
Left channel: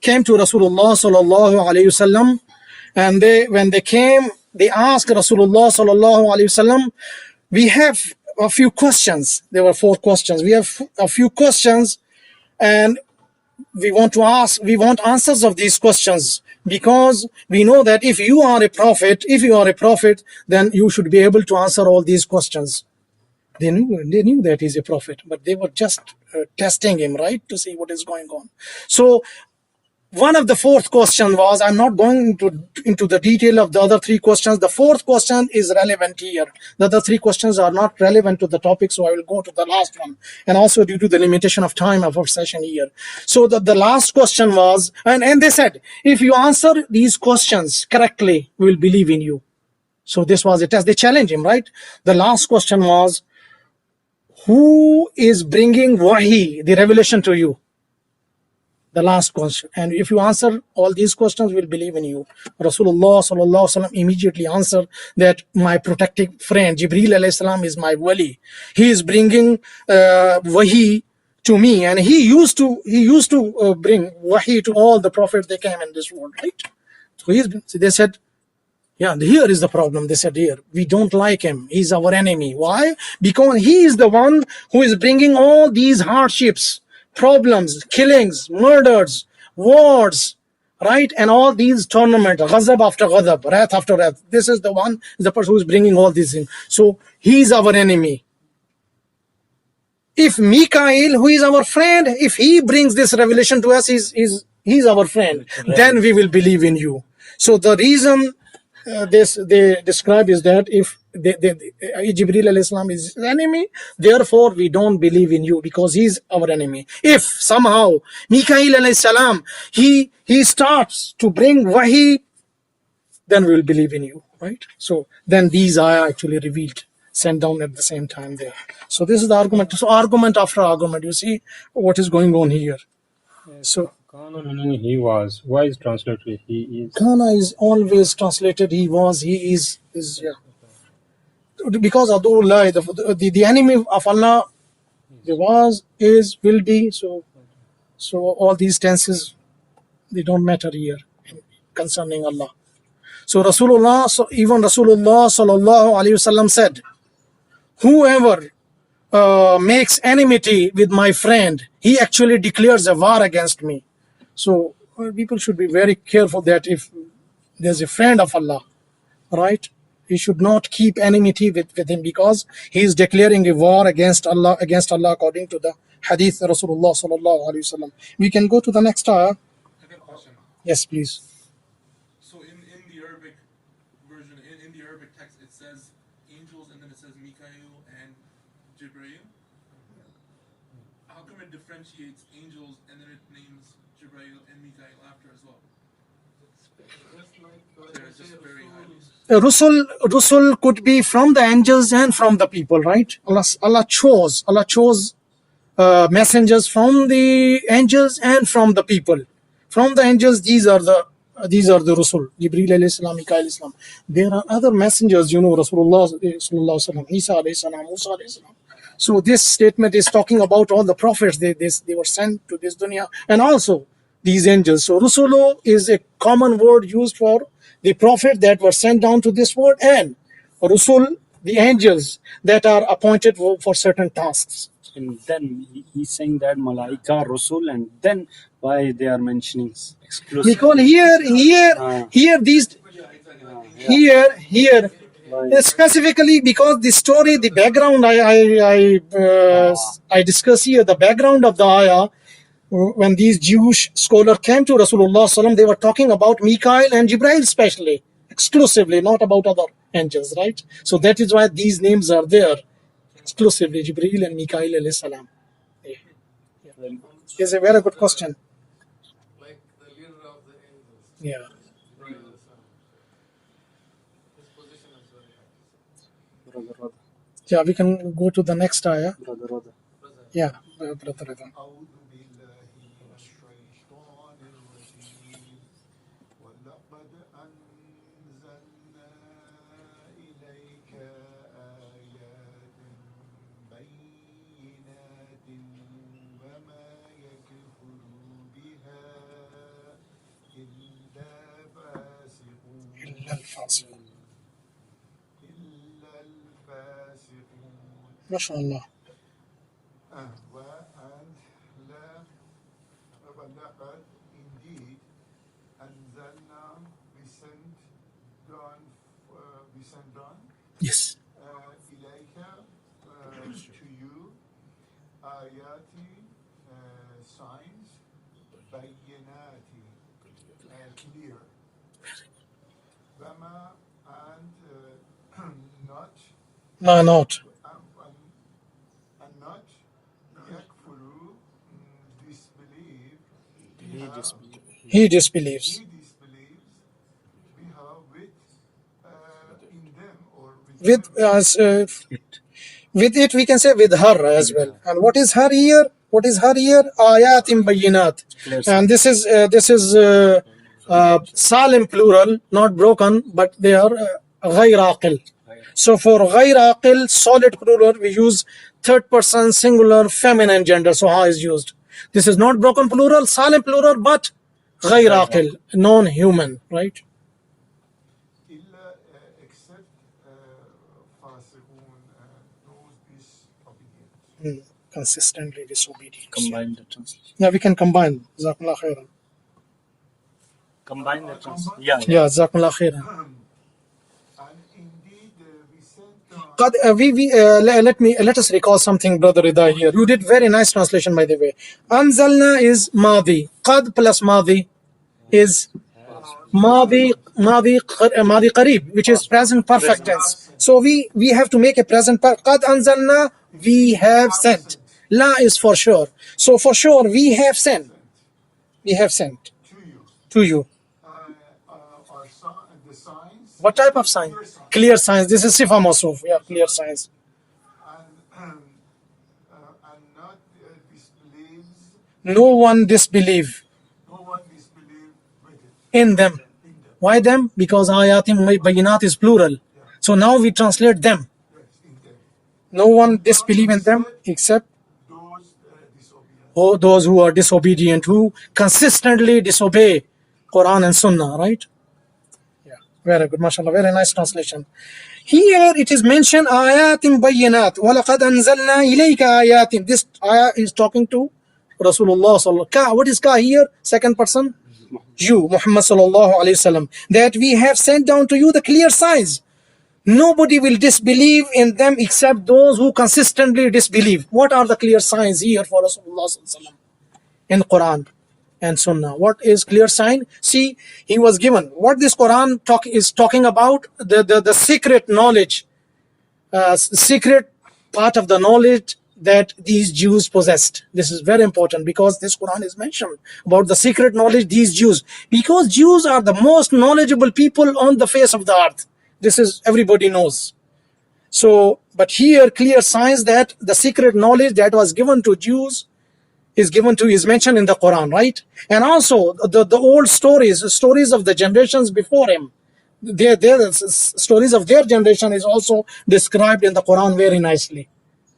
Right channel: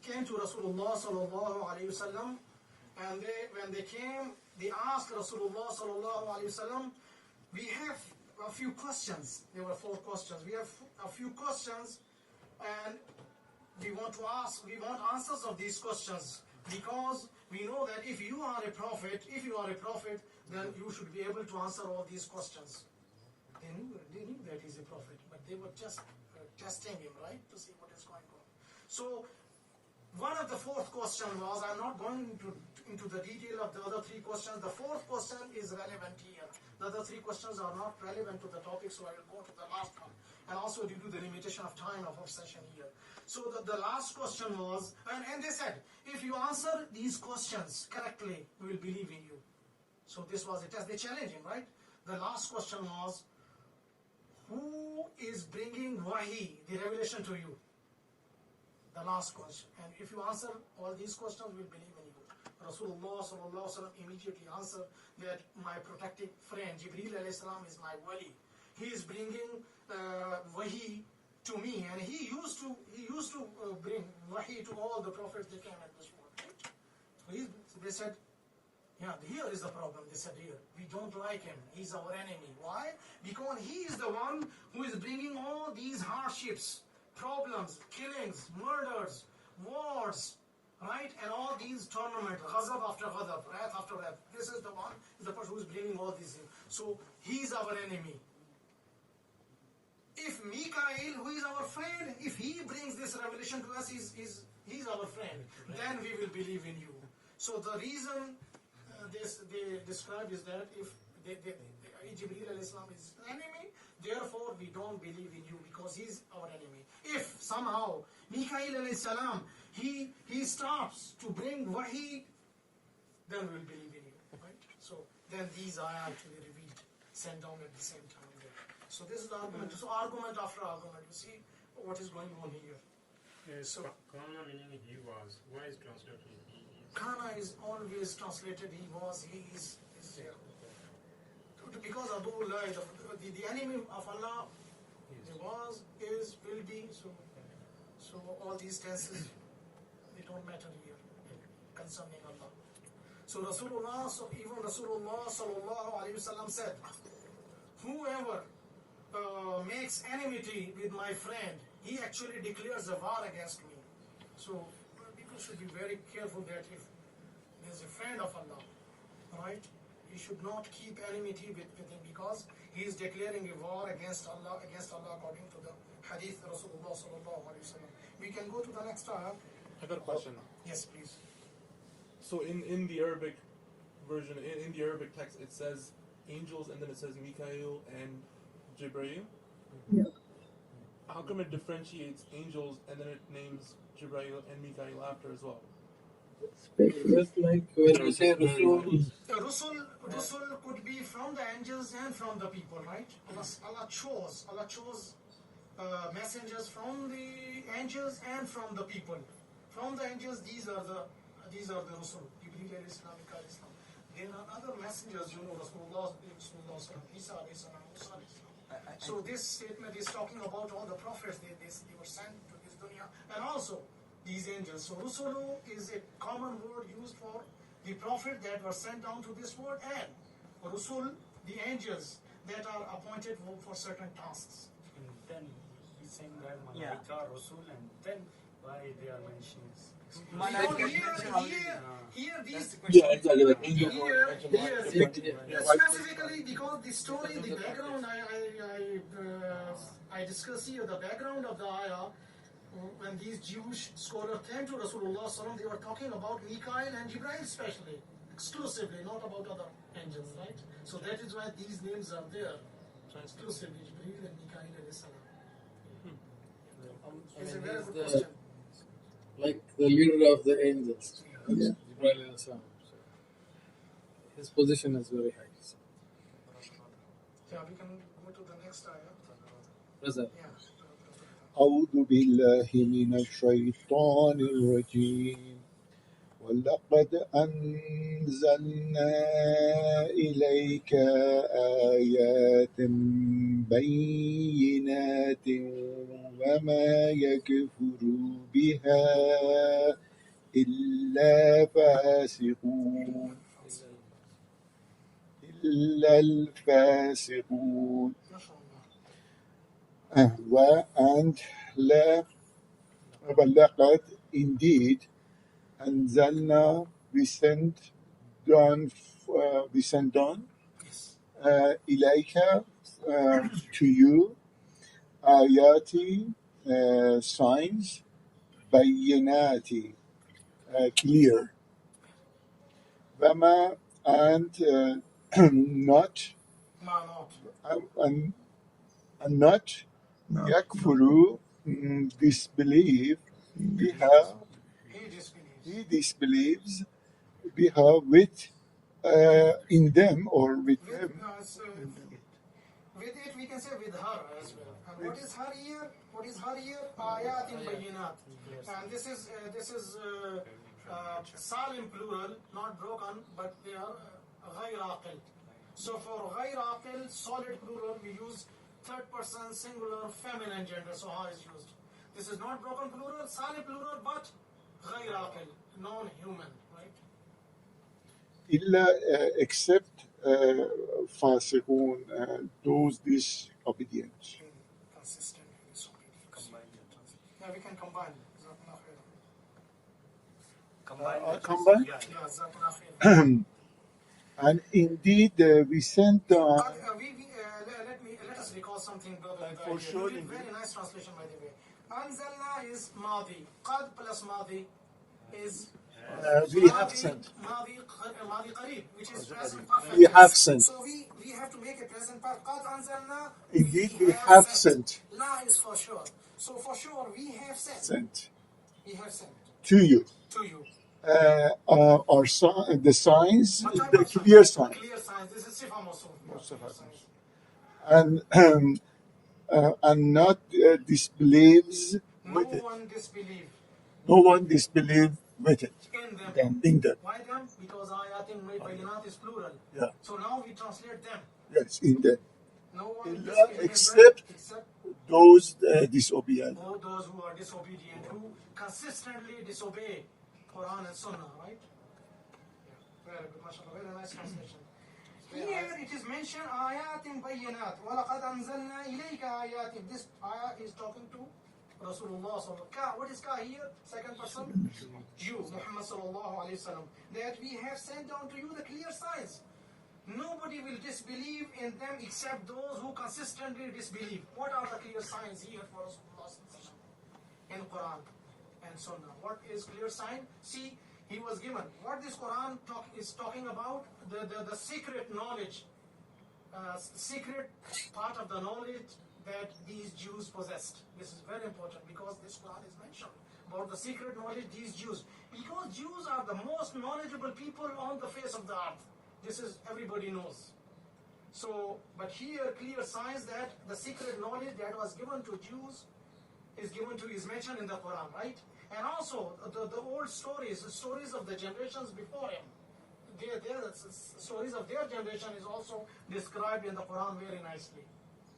came to Rasulullah sallallahu alaihi wasallam, and when they came, they asked Rasulullah sallallahu alaihi wasallam, we have a few questions. There were 4 questions. We have a few questions, and we want answers of these questions, because we know that if you are a prophet, then you should be able to answer all these questions. They knew that he's a prophet, but they were just testing him, right, to see what is going on. So one of the 4th question was, I'm not going into the detail of the other 3 questions. The 4th question is relevant here. The other 3 questions are not relevant to the topic, so I will go to the last one. And also due to the limitation of time of our session here. So the last question was, and they said, if you answer these questions correctly, we will believe in you. So this was a test. They challenged him, right? The last question was, who is bringing wahi, the revelation, to you? The last question. And if you answer all these questions, we'll believe in you. Rasulullah sallallahu alaihi wasallam immediately answered that my protective friend Jibreel alayhi salam is my wali. He is bringing wahi to me, and he used to bring wahi to all the prophets that came in this world, right? So they said, yeah, here is the problem. They said, here, we don't like him. He's our enemy. Why? Because he is the one who is bringing all these hardships, problems, killings, murders, wars, right? And all these tournaments, ghazab after ghazab, wrath after wrath. This is the person who is bringing all these in. So he's our enemy. If Mikael, who is our friend, if he brings this revelation to us, he's our friend, then we will believe in you. So the reason they describe is that if Jibreel alayhi salam is his enemy, therefore we don't believe in you because he's our enemy. If somehow Mikail alayhi salam he starts to bring wahi, then we will believe in you, right? So then these are actually revealed, sent down at the same time there. So this is the argument. So argument after argument, you see what is going on here. So Kana meaning he was. Why is translated he is? Kana is always translated he was, he is yeah. Because Adullah, the enemy of Allah, there was, is, will be. So all these tenses, they don't matter here concerning Allah. So even Rasulullah sallallahu alaihi wasallam said, whoever makes enmity with my friend, he actually declares a war against me. So people should be very careful that if there's a friend of Allah, right, we should not keep enmity with him, because he is declaring a war against Allah according to the hadith Rasulullah sallallahu alaihi wasallam. We can go to the next ayah. I got a question. Yes, please. So in the Arabic version, in the Arabic text, it says angels and then it says Mikael and Jibreel. Yeah. How come it differentiates angels and then it names Jibreel and Mikael after as well? Just like when we say Rasul, Rusul could be from the angels and from the people, right? Allah chose messengers from the angels and from the people. From the angels, these are the Rusul, Jibreel alayhi salam, Mikael alayhi salam. There are other messengers, Rasulullah sallallahu alaihi wasallam, Isa alayhi salam, Musa alayhi salam. So this statement is talking about all the prophets. They were sent to this dunya, and also these angels. So Rusulu is a common word used for the prophet that were sent down to this world, and Rusul, the angels that are appointed for certain tasks. And then he's saying that Malaika, Rasul, and then why they are mentioning exclusively. Because here, specifically because the story, the background, I discuss here the background of the ayah. When these Jewish scholars came to Rasulullah sallam, they were talking about Mikael and Jibreel especially, exclusively, not about other angels, right? So that is why these names are there, exclusively Jibreel and Mikael alayhi salam. It's a very good question. like the leader of the angels. Yeah. Jibreel alayhi salam. His position is very high. Brother. Yeah, we can go to the next ayah. Brother. Yeah, brother. أعوذ بالله من الشيطان الرجيم ولقد أنزلنا إليك آيات بينات وما يكفر بها إلا الفاسقون ما شاء الله. ولقد indeed أنزلنا we sent down Yes. إليك to you آياتي signs بينات clear وما and not and not يكفر disbelieve He disbelieves. بها with in them or with it we can say with her as well. And what is her here? Ayatim bayinat. And this is salim plural, not broken, but they are غير عاقل. So for غير عاقل, solid plural, we use third person singular feminine gender. So ha is used. This is not broken plural, salim plural, but غير عاقل, non-human, right? إلا except فاسقون those disobedient. Consistently disobedient. Combine the translation. Yeah, we can combine. Jazakumullah khairan. Combine the translation. Yeah. Jazakumullah khairan. And indeed, we sent. Let us recall something, Brother Rida here. You did very nice translation, by the way. Anzalna is Madi. Qad plus Madi is Madi Qareeb, which is present perfect tense. So we have to make a present perfect. Qad Anzalna, we have sent. La is for sure. So for sure, we have sent. We have sent. To you. The signs. What type of signs? Clear signs. Clear signs. This is Sifa Masuf. Yeah, clear signs. And not disbelieves. No one disbelieve. No one disbelieve with it. In them. Why them? Because ayatim bayinat is plural. Yeah. So now we translate them. Yes, in them. No one disbelieve in them except those disobedient. Oh, those who are disobedient, who consistently disobey Qur'an and Sunnah, right? Yeah, very good, mashallah, very nice translation. Here it is mentioned ayatim bayyinat walaqad anzalna ilayka ayatim. This ayah is talking to Rasulullah sallallahu alaihi wasallam. What is ka here? Second person, you, Muhammad sallallahu alaihi wasallam. That we have sent down to you the clear signs. Nobody will disbelieve in them except those who consistently disbelieve. What are the clear signs here for Rasulullah sallallahu alaihi wasallam in Quran and Sunnah? What is clear sign? See, he was given what this Quran is talking about, the secret knowledge, secret part of the knowledge that these Jews possessed. This is very important because this Quran is mentioned about the secret knowledge these Jews, because Jews are the most knowledgeable people on the face of the earth. This is everybody knows. So, but here clear signs that the secret knowledge that was given to Jews is mentioned in the Quran, right? And also the old stories of the generations before him, their stories of their generation is also described in the Quran very nicely,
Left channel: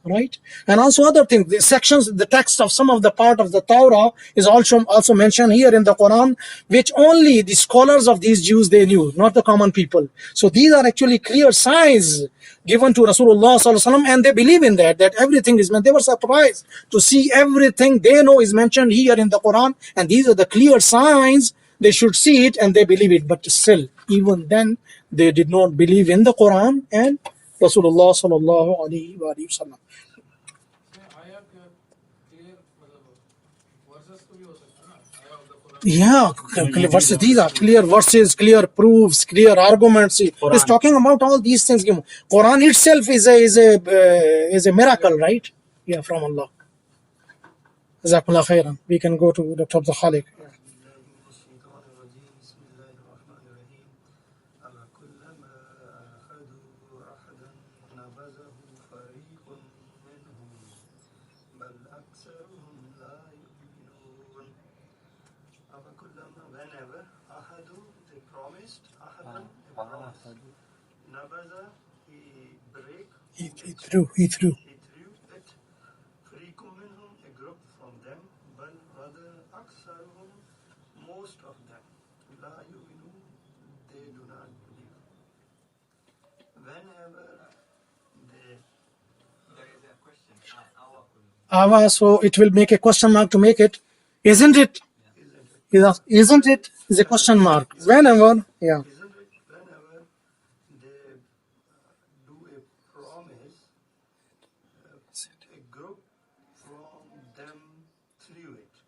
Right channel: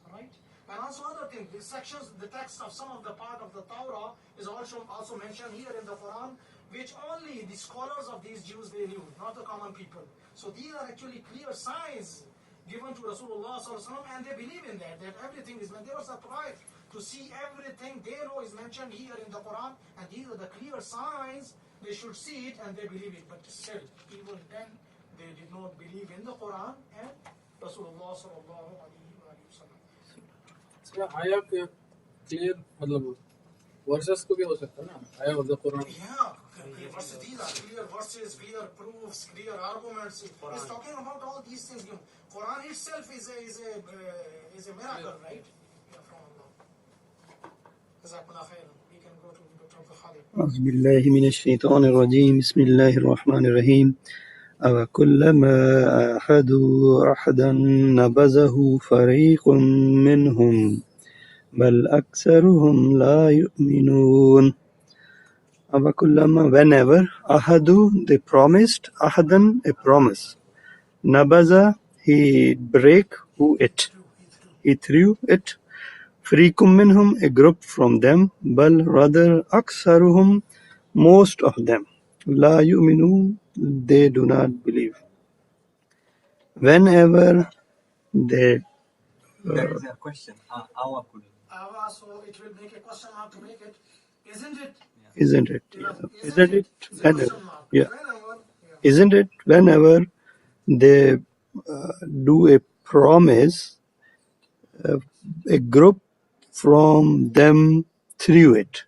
right? And also other things, the sections, the text of some of the part of the Torah is also mentioned here in the Quran, which only the scholars of these Jews they knew, not the common people. So these are actually clear signs given to Rasulullah sallallahu alaihi wasallam, and they believe in that everything is meant. They were surprised to see everything they know is mentioned here in the Quran, and these are the clear signs. They should see it and they believe it, but still, even then, they did not believe in the Quran and Rasulullah sallallahu alaihi wasallam. आया के clear मतलब verses को भी हो सकता है ना, आया of the Quran. Yeah, verses. These are clear verses, clear proofs, clear arguments. It's talking about all these things. Quran itself is a miracle, right? Yeah, from Allah. Jazakallah khairan. We can go to Dr. Abdul Khalik. أعوذ بالله من الشيطان الرجيم بسم الله الرحمن الرحيم أوكلما عاهدوا عهدا نبذه فريق منهم بل أكثرهم لا يؤمنون. أوكلما whenever عاهدوا they promised عهدا a promise نبذ he break who it he threw it فريق منهم a group from them بل rather أكثرهم most of them لا يؤمنون they do not believe. Whenever they There is a question. Awa, so it will make a question mark to make it. Isn't it? isn't it Isn't it? Is a question mark. yeah. Whenever, yeah. Isn't it whenever they do a promise a group from them through it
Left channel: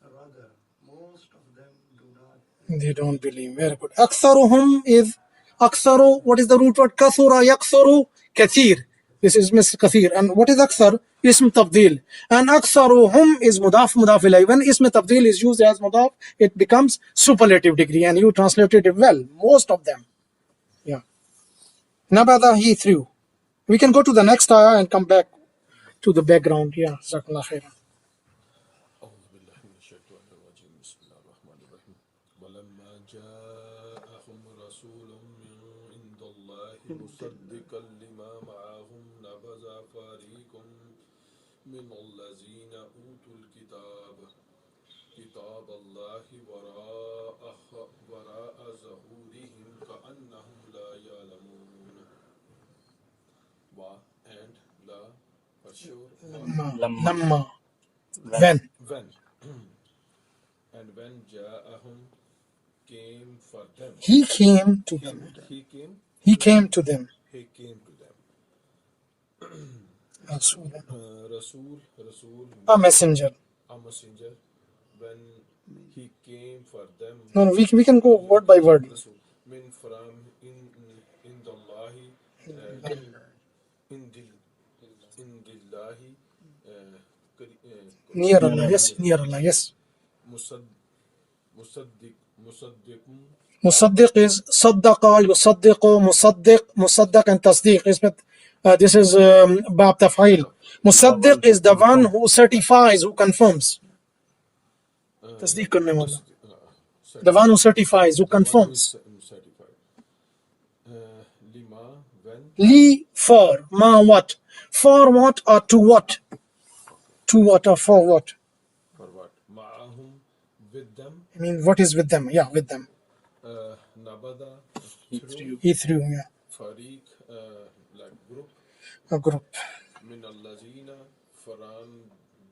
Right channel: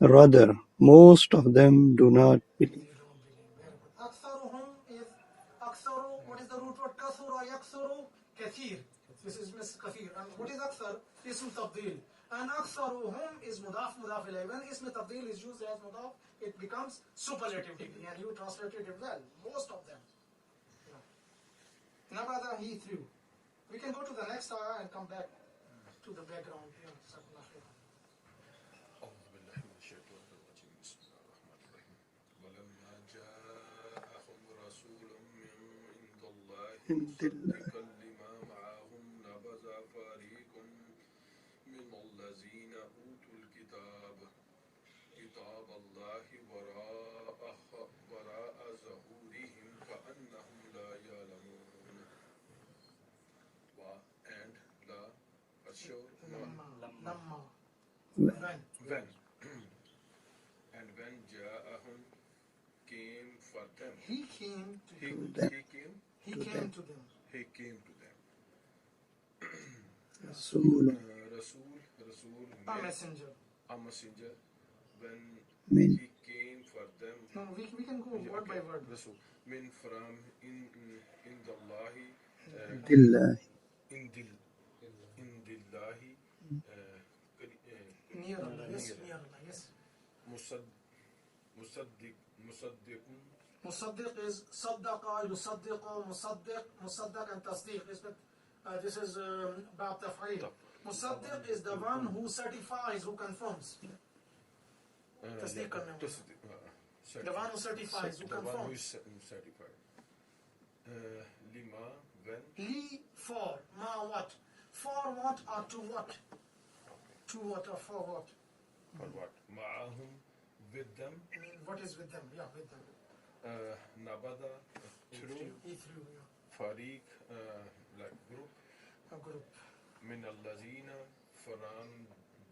rather most of them do not They don't believe. Very good. Aktharuhum is aktharu. What is the root word? Kathura yaktharu kathir. This is Mr. Kathir. And what is akthar? Ism tabdil. And aktharuhum is mudaf mudaf ilayh. When ism tabdil is used as mudaf, it becomes superlative degree. And you translated it well. Most of them. Yeah. Nabada he threw. We can go to the next ayah and come back to the background. Yeah. Jazakallah khairan. أعوذ بالله من الشيطان الرجيم بسم الله الرحمن الرحيم ولما جاءهم رسول من عند الله مصدقا لما معهم نبذ فريق من الذين أوتوا الكتاب كتاب الله وراء ظهورهم كأنهم لا يعلمون and la for sure Lamma. When? And when Ja'ahum came for them, He came to them. He came to them. Rasul. A messenger. When he came for them. No, we can go word by word. Min from in the إلا in dillahi Near Allah, yes, near Allah, yes. Musaddiq is saddaqa, yusaddiqu, musaddiq and tasdiq. This is bab taf'il. Musaddiq is the one who certifies, who confirms. Tasdiq karne wala. The one who certifies, who confirms. Li, for, ma, what? For what or to what? To what or for what? For what? Ma'ahum, with them. I mean, what is with them? Yeah, with them. Nabada, He threw, yeah. Fariq, like group. A group. Min allazina, from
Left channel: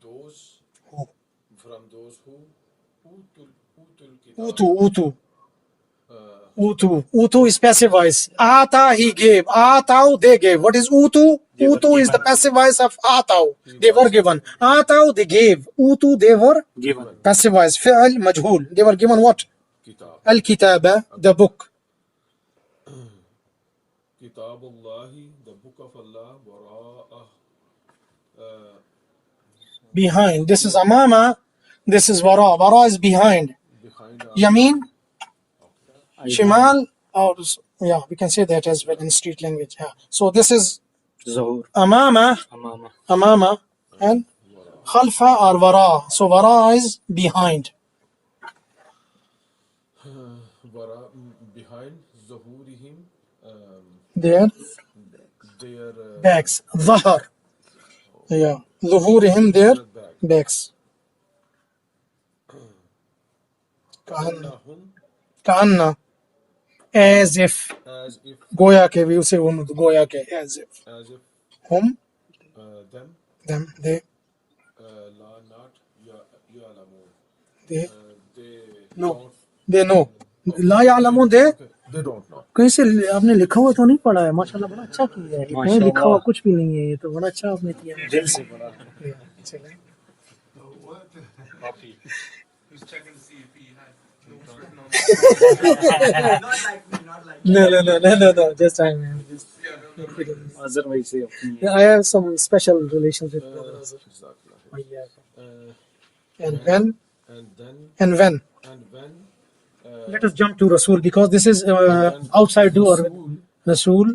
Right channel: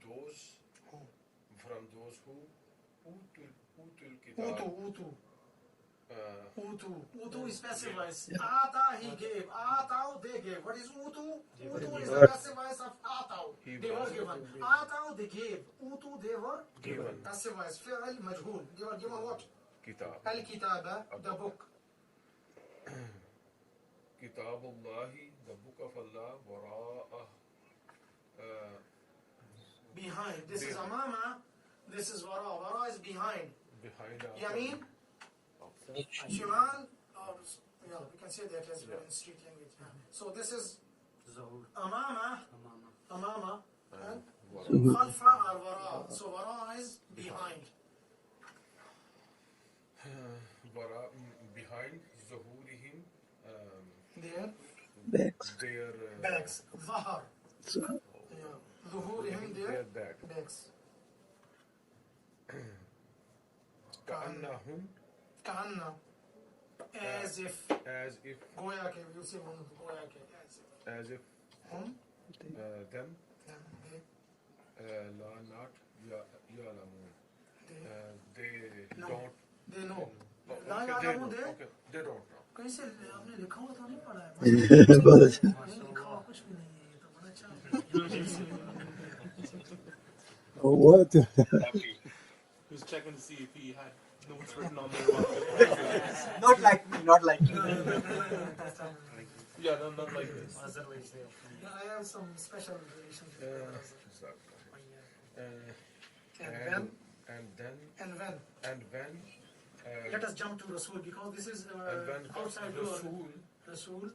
those who utul kitab. Utu is passive voice. Ata, he gave. Atau, they gave. What is utu? Utu is the passive voice of atau. They were given. Atau, they gave. Utu, they were given. Passive voice. Fi'al, majhul. They were given what? Al-kitaba, the book. Kitab Allahi, the book of Allah, behind. This is amama. This is wara. Wara is behind. Yamin. Shimal, or yeah, we can say that as well in street language. Yeah. So this is amama, and khalfa or wara. So wara is behind. Wara, behind zuhurihim, Their backs. Zahar. Yeah. Zuhurihim, their backs. Ka'anna. As if. Goya ke, we say goya ke, as if. Whom? Them, they. La not ya'lamun. They know. La ya'lamun, they don't know. कहीं से आपने लिखा हुआ तो नहीं पढ़ा है माशाल्लाह अच्छा नहीं लिखा हुआ कुछ भी नहीं है ये तो बड़ा अच्छा आपने किया दिल से What? Copy. Who's checking to see if he had notes written on not like no just time Yeah, no, like this. otherwise I have some special relationship with And when? and then And when? and when Let us jump to Rasul because this is when outside door. Rasul Rasul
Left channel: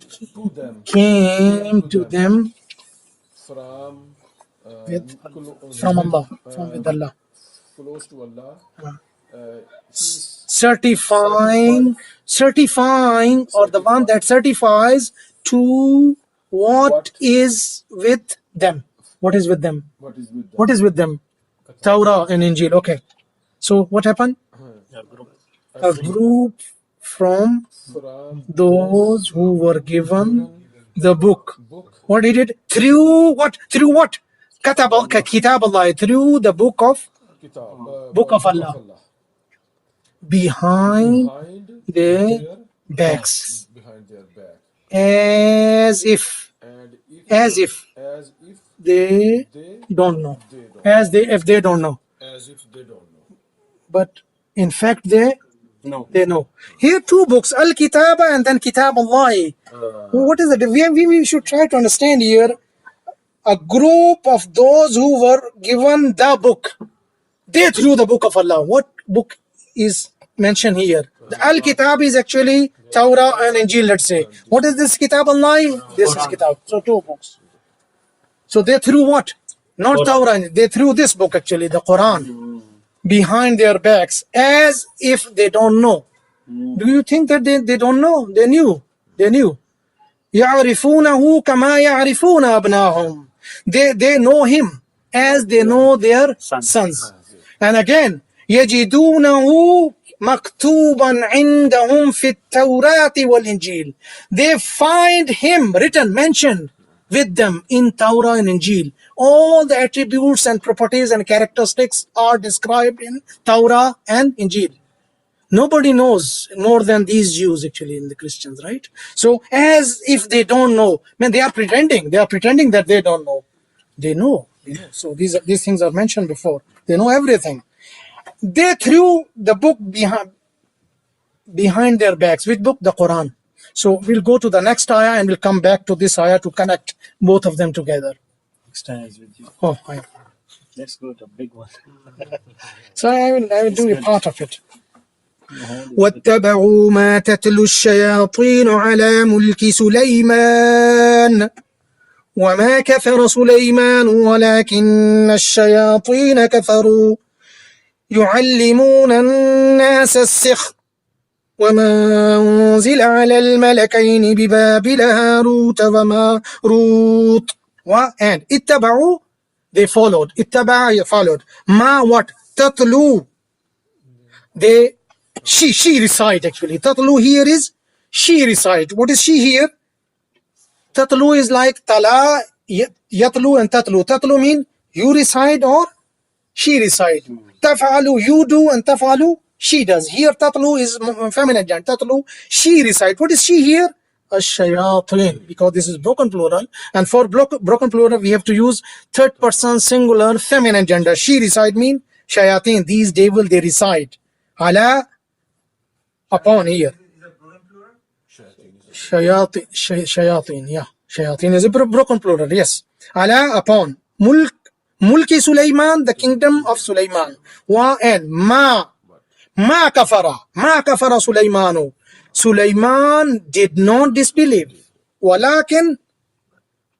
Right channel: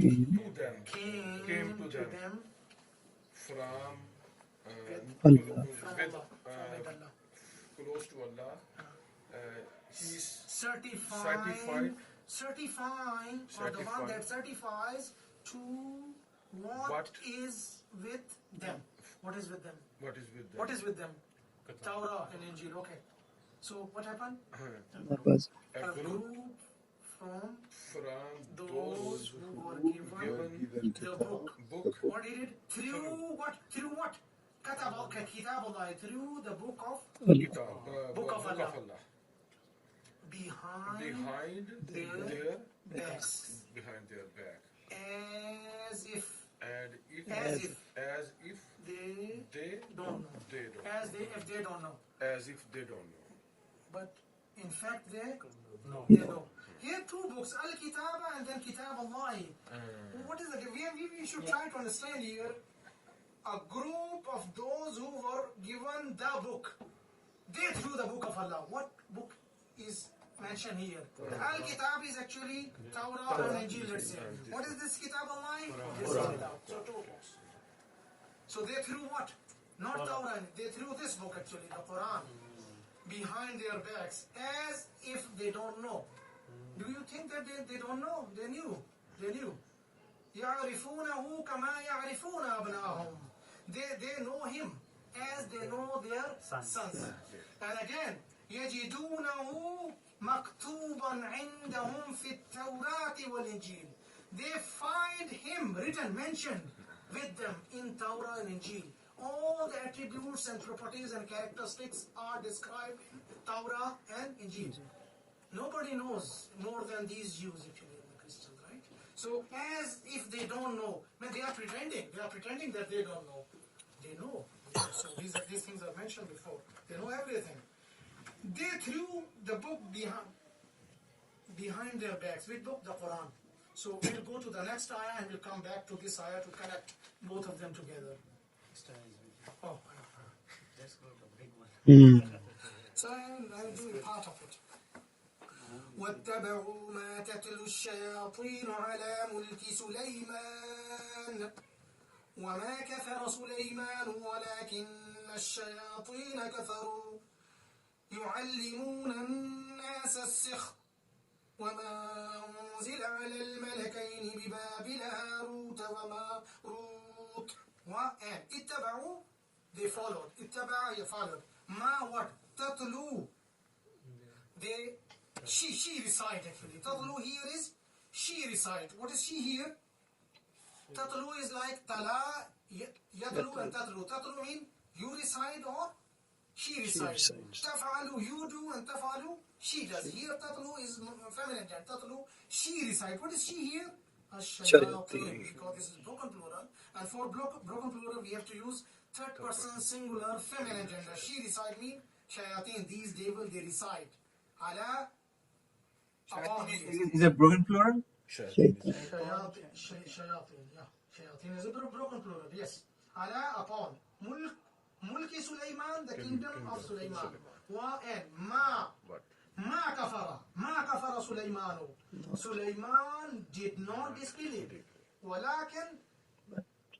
to them came to them from with from Allah, from with Allah, close to Allah. He's certifying, or the one that certifies to what is with them. What is with them? what is with them. What is with them? Torah and Injil. Okay. So what happened? A group from those who were given the book. What did it? Through what? Through what? Kitab Allah. Through the book of Allah. Behind their backs. Behind their back. As if they don't know. As if they don't know. But in fact they know. Here two books, Al-Kitaba and then Kitab Allah. What is it? We should try to understand here. A group of those who were given the book. They threw the book of Allah. What book is mentioned here? The Al-Kitab is actually Torah and Injil, let's say. What is this Kitab Allah? This is Kitab. So two books. So they threw what? Not Torah. They threw this book actually, the Qur'an, behind their backs as if they don't know. Do you think that they don't know? They knew. يَعْرِفُونَهُ كَمَا يَعْرِفُونَ أَبْنَاهُمْ. They know him as they know their sons. And again, يَجِدُونَهُ مَكْتُوبًا عِنْدَهُمْ فِي التَّوْرَاةِ وَالْإِنْجِيلِ. They find him written, mentioned with them in Torah and Injil. All the attributes and properties and characteristics are described in Torah and Injil. Nobody knows more than these Jews actually, in the Christians, right? So as if they don't know, they are pretending that they don't know. They know. So these things are mentioned before. They know everything. They threw the book behind their backs. Which book? The Quran. So we'll go to the next ayah and we'll come back to this ayah to connect both of them together. Next time is with you. Oh, Let's go to a big one. So I will do a part of it. واتبعوا ما تتلو الشياطين على ملك سليمان وما كفر سليمان ولكن الشياطين كفروا يعلمون الناس السحر وما أنزل على الملكين ببابل هاروت وماروت. And اتبعوا, they followed. اتبع, followed. ما, what? تتلو, they, she recite actually. Tatlu here is she recite. What is she here? Tatlu is like tala, yatlu and tatlu. Tatlu mean you recite or she recites. Taf'alu, you do, and taf'alu, she does. Here tatlu is feminine gender. Tatlu, she recite. What is she here? Ash-shayatin, because this is broken plural. And for broken plural, we have to use third person singular feminine gender. She recite mean shayatin. These devil they recite. Ala, upon here. Is it broken plural? Shayatin, yeah. Shayatin is a broken plural, yes. Ala, upon. Mulki Sulaiman, the kingdom of Sulaiman. Wa and ma kafara. Ma kafara Sulaimanu. Sulaiman did not disbelieve. Walakin,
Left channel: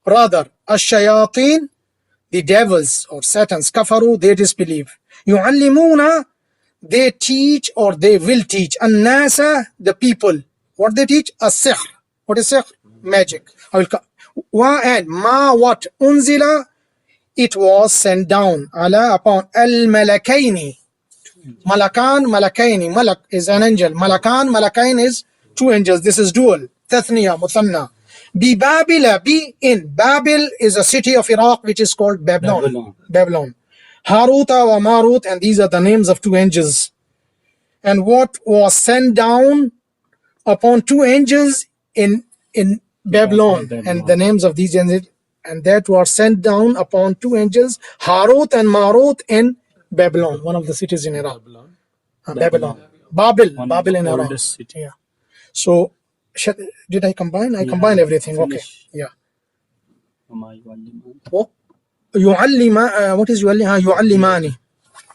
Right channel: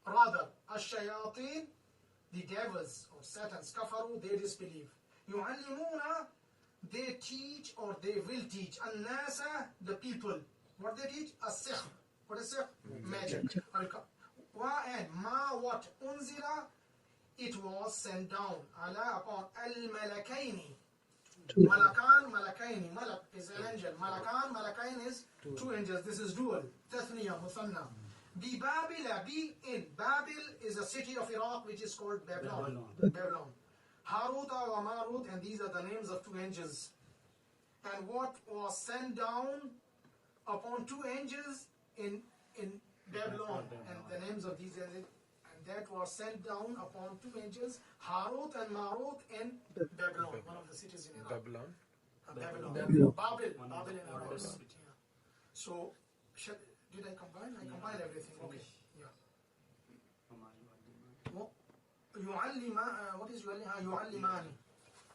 rather, ash-shayatin, the devils or satans, kafaru, they disbelieve. Yu'allimuna, they teach or they will teach. An-nasa, the people. What they teach? As-sihr. What is sihr? Magic. Wa and ma what? Unzila, it was sent down. Ala, upon. Al-malakaini. Malakan, malakaini. Malak is an angel. Malakan, malakain is two angels. This is dual. Tathniya, muthanna. Bi Babila, be in. Babil is a city of Iraq which is called Babylon. Haruta wa Marut, and these are the names of two angels. And what was sent down upon two angels in Babylon, and the names of these angels, and that were sent down upon two angels, Harut and Marut in Babylon, one of the cities in Iraq. Babylon. Babel in Iraq. Yeah. So, did I combine? I combined everything. Okay. Yeah. Oh. what is يعلماني.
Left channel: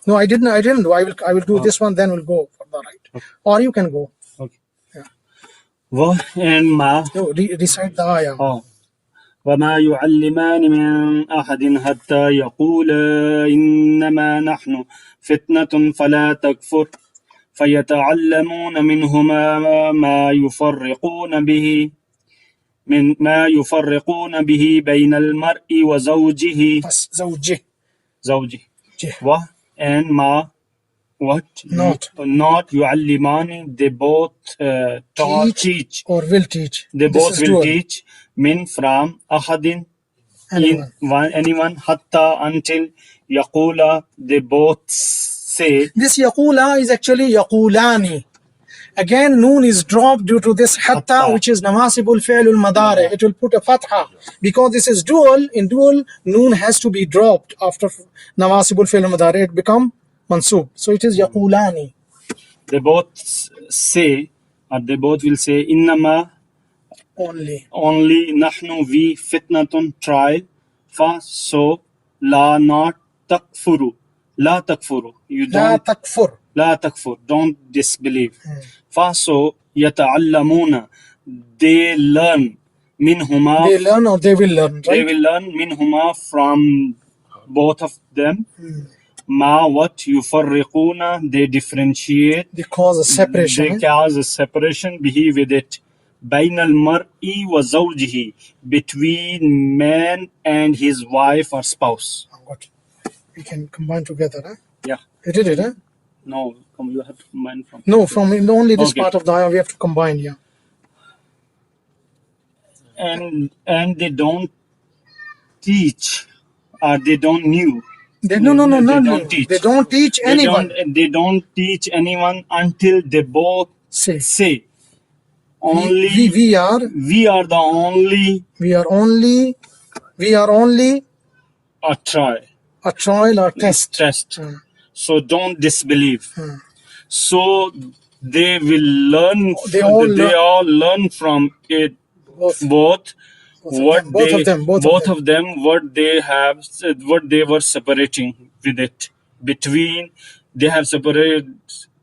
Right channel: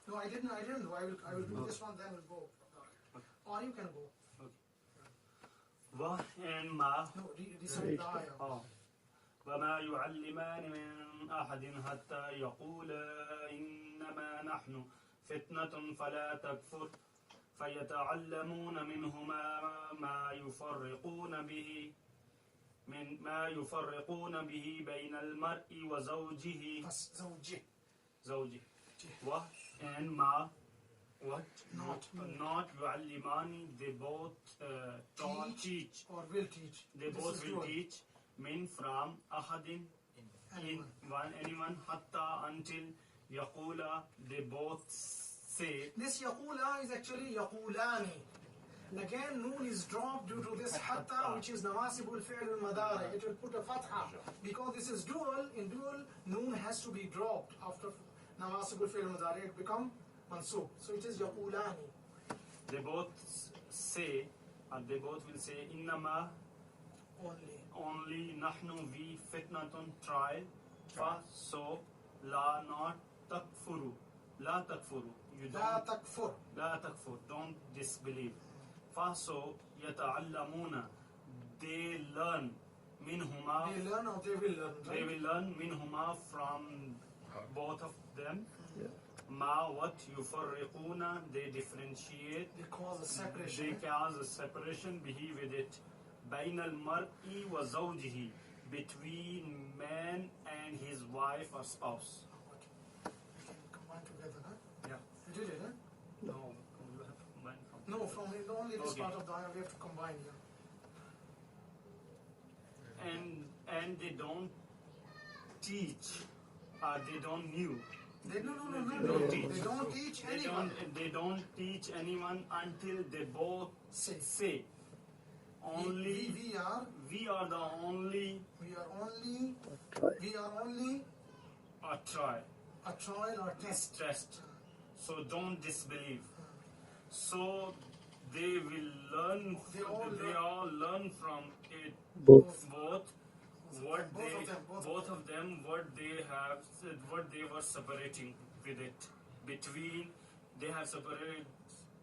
No, I didn't do. I will do this one, then we'll go for the right. Or you can go. Okay. Yeah. And ma. No, recite the ayah. Oh. وما يعلمان من أحد حتى يقولا إنما نحن فتنة فلا تكفر فيتعلمون منهما ما يفرقون به بين المرء وزوجه. زوجه. And ma what? Not يعلمان. They both teach or will teach. They both will teach min from ahadin anyone hatta until yaqula. They both say. This yaqula is actually yaqulani. Again, noon is dropped due to this hatta, which is nawasibul fi'lul madari. It will put a fatha because this is dual. In dual, noon has to be dropped after nawasibul fi'lul madari. It become mansub. So it is yaqulani. They both say, or they both will say, innama. Only nahnu we fitnatun trial. Fa so la not takfuru. La takfuru. You don't. La takfur. Don't disbelieve. Fa so yata'allamuna. They learn minhuma. They learn or they will learn, right? They will learn minhuma from both of them. Ma what yufarriquna. They differentiate. They cause a separation. They cause a separation. Bihi with it. Bain al mar'i wa zawjihi. Between man and his wife or spouse. We can combine together, huh? Yeah. You did it, huh? No, you have to combine from. No, from only this part of the ayah we have to combine, yeah. And they don't teach, or they don't knew. They don't teach. They don't teach anyone. They don't teach anyone until they both say. Only we are the only. We are only a trial or test. So don't disbelieve. So they will learn. They all learn from it. Both of them. What they have, what they were separating with it. Between, they have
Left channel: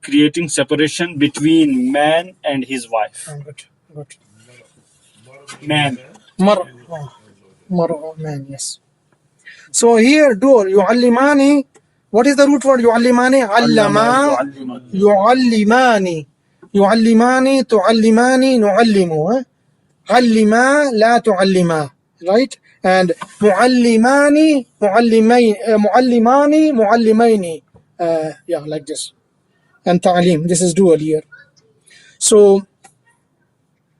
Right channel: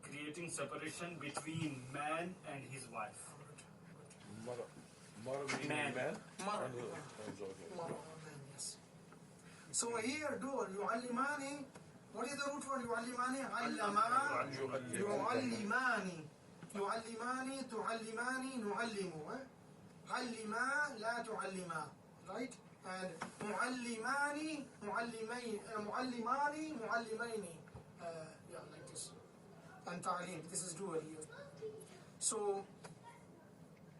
creating separation between man and his wife. Good. Man. Man, yes. So here, yu'allimani. What is the root word yu'allimani? Allama. Yu'allimani. Yu'allimani, tu'allimani, nu'allimu. Allima, la tu'allima. Right? And mu'allimani, mu'allimaini. Yeah, like this. And ta'lim. This is dual here. So,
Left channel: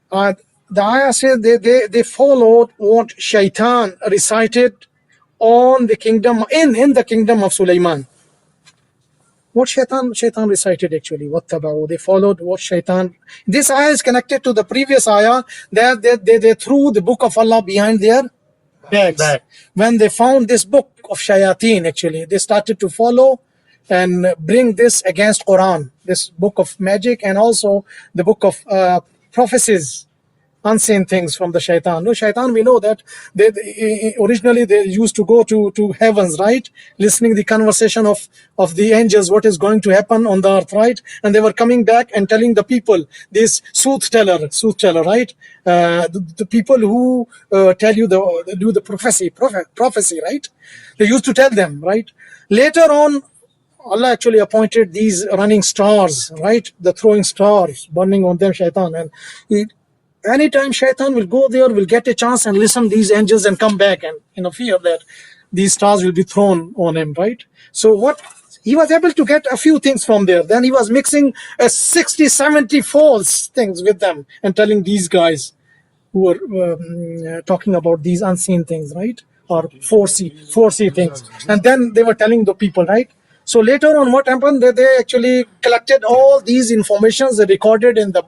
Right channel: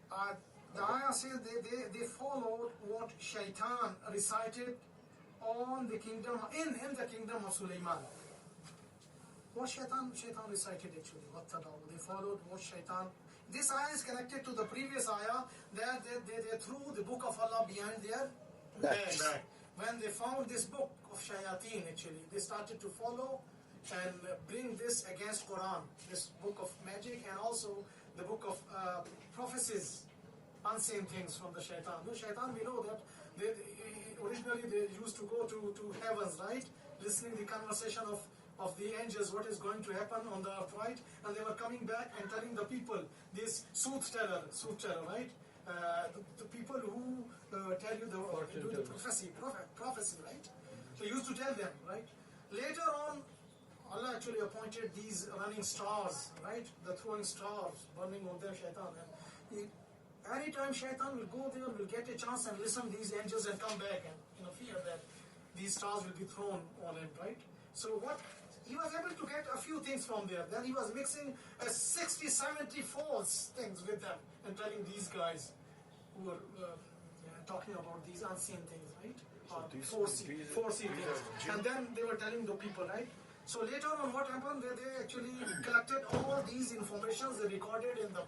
the ayah says they followed what Shaitan recited on the kingdom, in the kingdom of Sulaiman. What Shaitan recited actually, وَاتَّبَعُوا. They followed what Shaitan. This ayah is connected to the previous ayah that they threw the book of Allah behind their backs. When they found this book of Shayateen, actually, they started to follow and bring this against Qur'an, this book of magic, and also the book of prophecies, unseen things from the Shaitan. No, Shaitan, we know that originally they used to go to heavens, right? Listening the conversation of the angels, what is going to happen on the earth, right? And they were coming back and telling the people, this soothsayer, right? The people who tell you do the prophecy, right? They used to tell them, right? Later on, Allah actually appointed these running stars, right? The throwing stars, burning on them, Shaitan. And anytime Shaitan will go there, will get a chance and listen to these angels and come back and fear that these stars will be thrown on him, right? So what he was able to get a few things from there. Then he was mixing 60, 70 false things with them and telling these guys who were talking about these unseen things, right? Or 4C things. And then they were telling the people, right? So later on, what happened? They actually collected all these informations, they recorded in a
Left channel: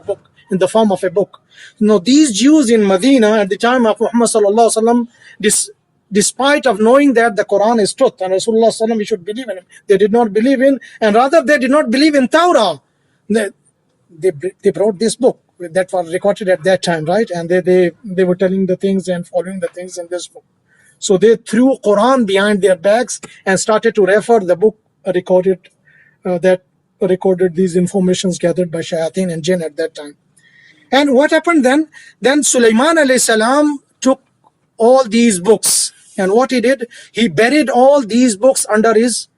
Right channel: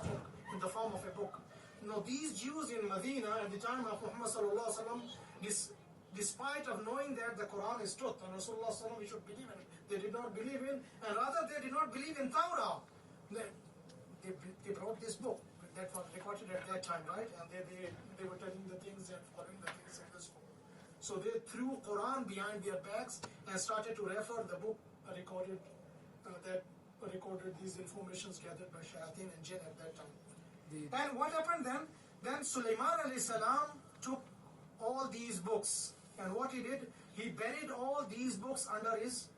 book, in the form of a book. Now, these Jews in Medina at the time of Muhammad sallallahu alaihi wasallam, despite of knowing that the Quran is truth and Rasulullah sallallahu alaihi wasallam, we should believe in it, they did not believe in, and rather they did not believe in Torah. They brought this book that was recorded at that time, right? And they were telling the things and following the things in this book. So they threw Qur'an behind their backs and started to refer the book that recorded these informations gathered by shayateen and jinn at that time. And what happened then? Then Sulaiman alayhi salam took all these books, and what he did, he buried all these books under his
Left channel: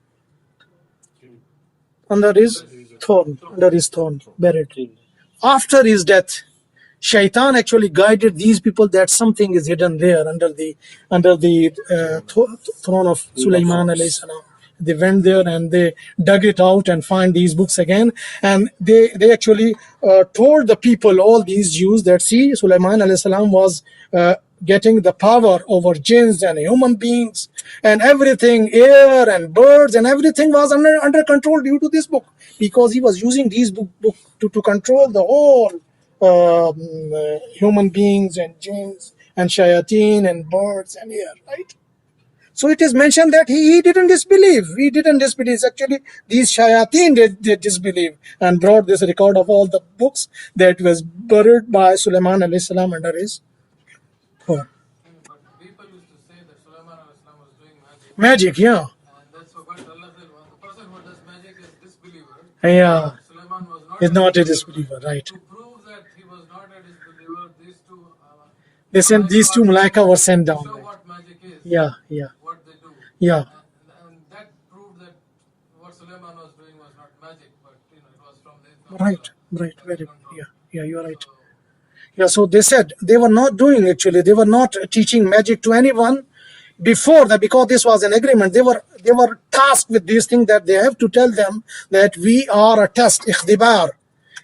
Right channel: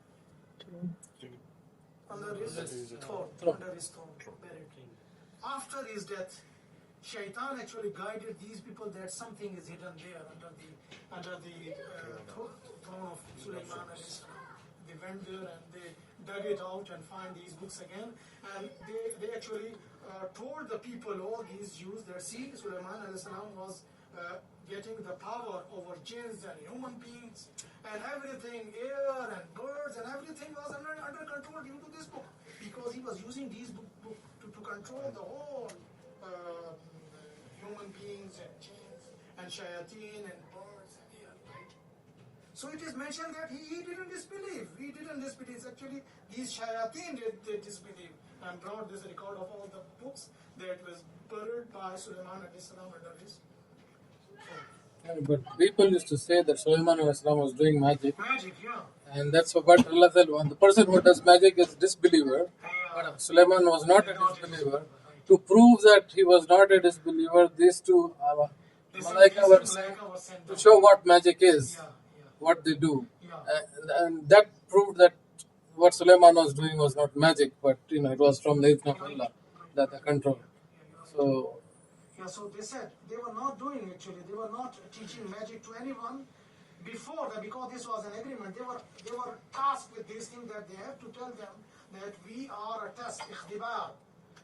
throne, buried. After his death, Shaitan actually guided these people that something is hidden there under the throne of Sulaiman alayhi salam. They went there and they dug it out and find these books again, and they actually told the people, all these Jews, that see, Sulaiman alayhi salam was getting the power over jinns and human beings and everything, air and birds and everything was under control due to this book, because he was using these book to control the whole human beings and jinns and shayateen and birds and air, right? So it is mentioned that he didn't disbelieve. He didn't disbelieve. Actually, these shayateen did disbelieve and brought this record of all the books that was buried by Sulaiman alayhi salam under his throne. But people used to say that Sulaiman was doing magic. Magic, yeah. And that's what Allah said, when the person who does magic is a disbeliever. Yeah. Sulaiman was not a disbeliever, right. To prove that he was not a disbeliever, these two Malaika were sent down. Show what magic is. Yeah. What they do. Yeah. And that proved that what Sulaiman was doing was not magic, but it was from the idhn of Allah. Right. That control. Yeah, you're right. So they said they were not doing, actually, they were not teaching magic to anyone before that, because this was an agreement. They were tasked with these things, that they have to tell them that we are a test, ikhtibar,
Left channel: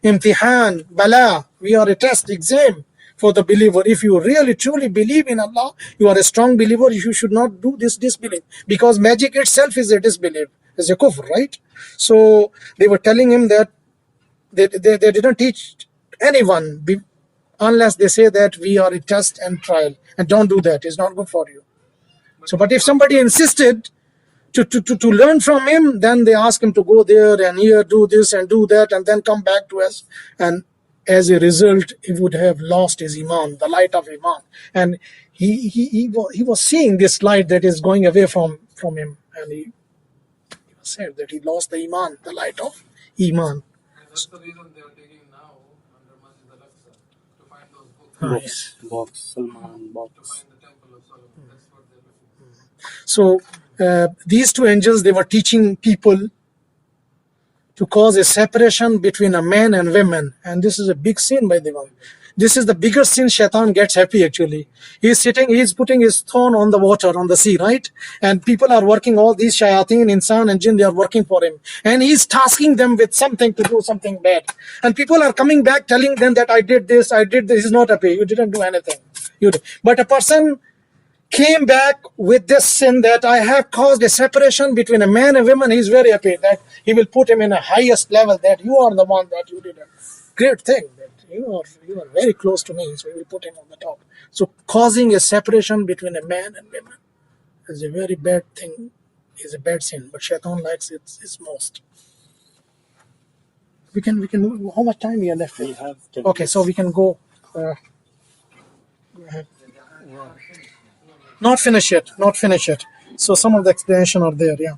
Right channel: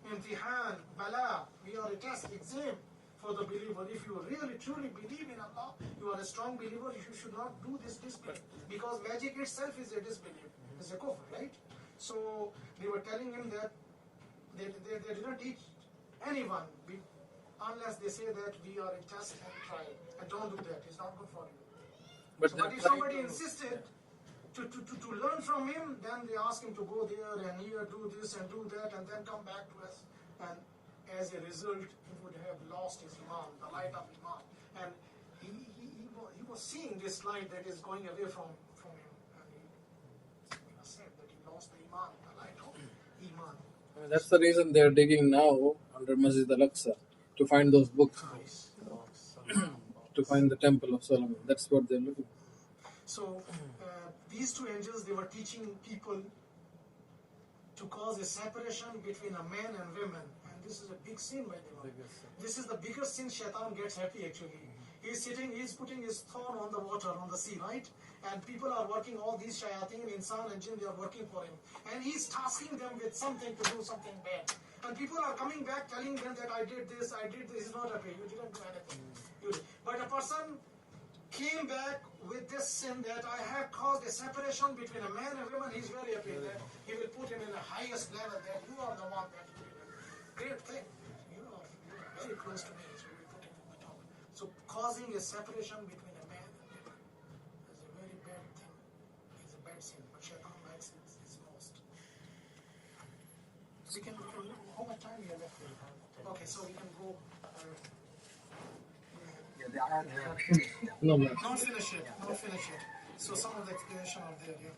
imtihan, bala, we are a test, exam for the believer. If you really truly believe in Allah, you are a strong believer, you should not do this disbelief, because magic itself is a disbelief, is a kufr, right? So they were telling him that they didn't teach anyone unless they say that we are a test and trial, and don't do that, it's not good for you. But if somebody insisted to learn from him, then they ask him to go there and here, do this and do that, and then come back to us, and as a result he would have lost his iman, the light of iman, and he was seeing this light that is going away from him, and he said that he lost the iman, the light of iman. That's the reason they're digging now under Masjid al-Aqsa to find those books. To find the temple of Solomon. That's what they're looking for. So these two angels, they were teaching people to cause a separation between a man and women, and this is a big sin, by the way. This is the biggest sin. Shaitan gets happy, actually. He's putting his throne on the water, on the sea, right? And people are working, all these shayateen, insan and jinn, they are working for him. And he's tasking them with something to do something bad. And people are coming back telling them that I did this. He's not happy. You didn't do anything. But a person came back with this sin, that I have caused a separation between a man and woman. He's very happy that he will put him in a highest level, that you are the one, that you did a great thing. You are very close to me, so we will put him on the top. So causing a separation between a man and woman is a very bad thing, is a bad sin, but Shaitan likes it most. We can move. How much time we have left? We have 10 okay, so we can go. Not finish yet. So some of the explanation are there, yeah.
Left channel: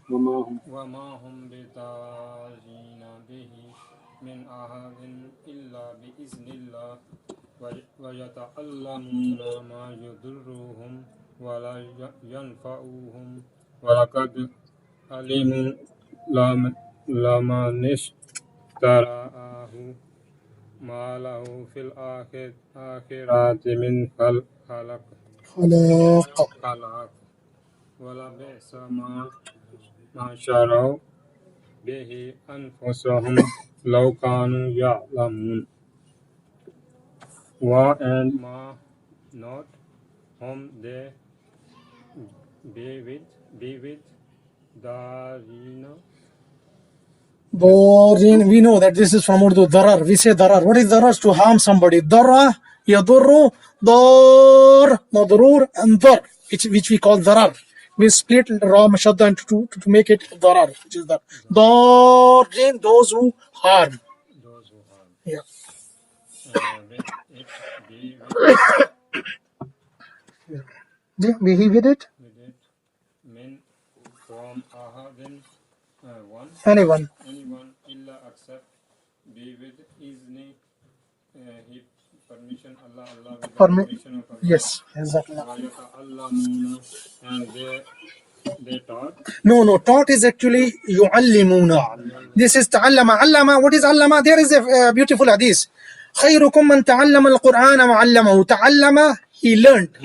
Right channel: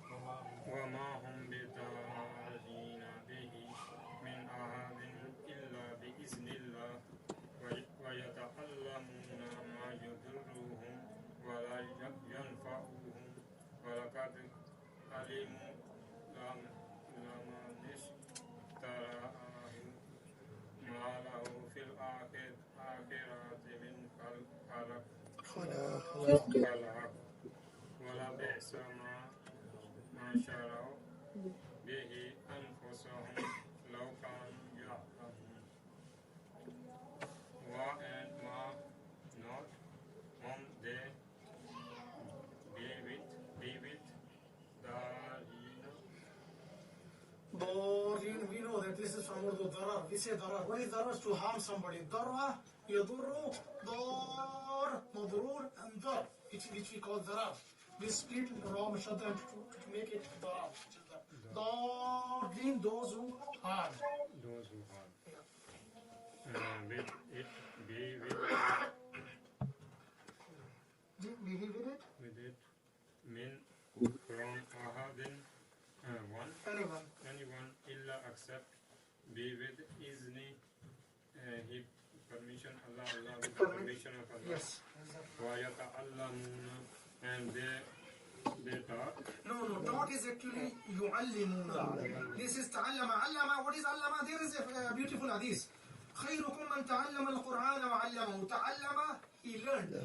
ويتعلمون ما يضرهم ولا ينفعهم ولقد علموا لمن اشتراه ما له في الآخرة من خلاق ولبئس ما شروا به أنفسهم لو كانوا يعلمون. And not whom they be with Darin, we know that this is from Urdu, darar. We say darar. What is darar? To harm somebody. Darra, yadurru, dar, madrur, and dar, which we call darar. We split ra mashadda into two to make it darar, which is dar. Darin, those who harm. Yeah. Be with it? from ahadin one anyone. illa except be with izni he permission Allah with the permission of Allah. Yes, exactly. Wa yata'allamuna, and they taught. No, taught is actually yu'allimuna. This is ta'allama. Allama, what is allama? There is a beautiful hadith. خيركم من تعلم القرآن وعلمه. تعلم, he learned.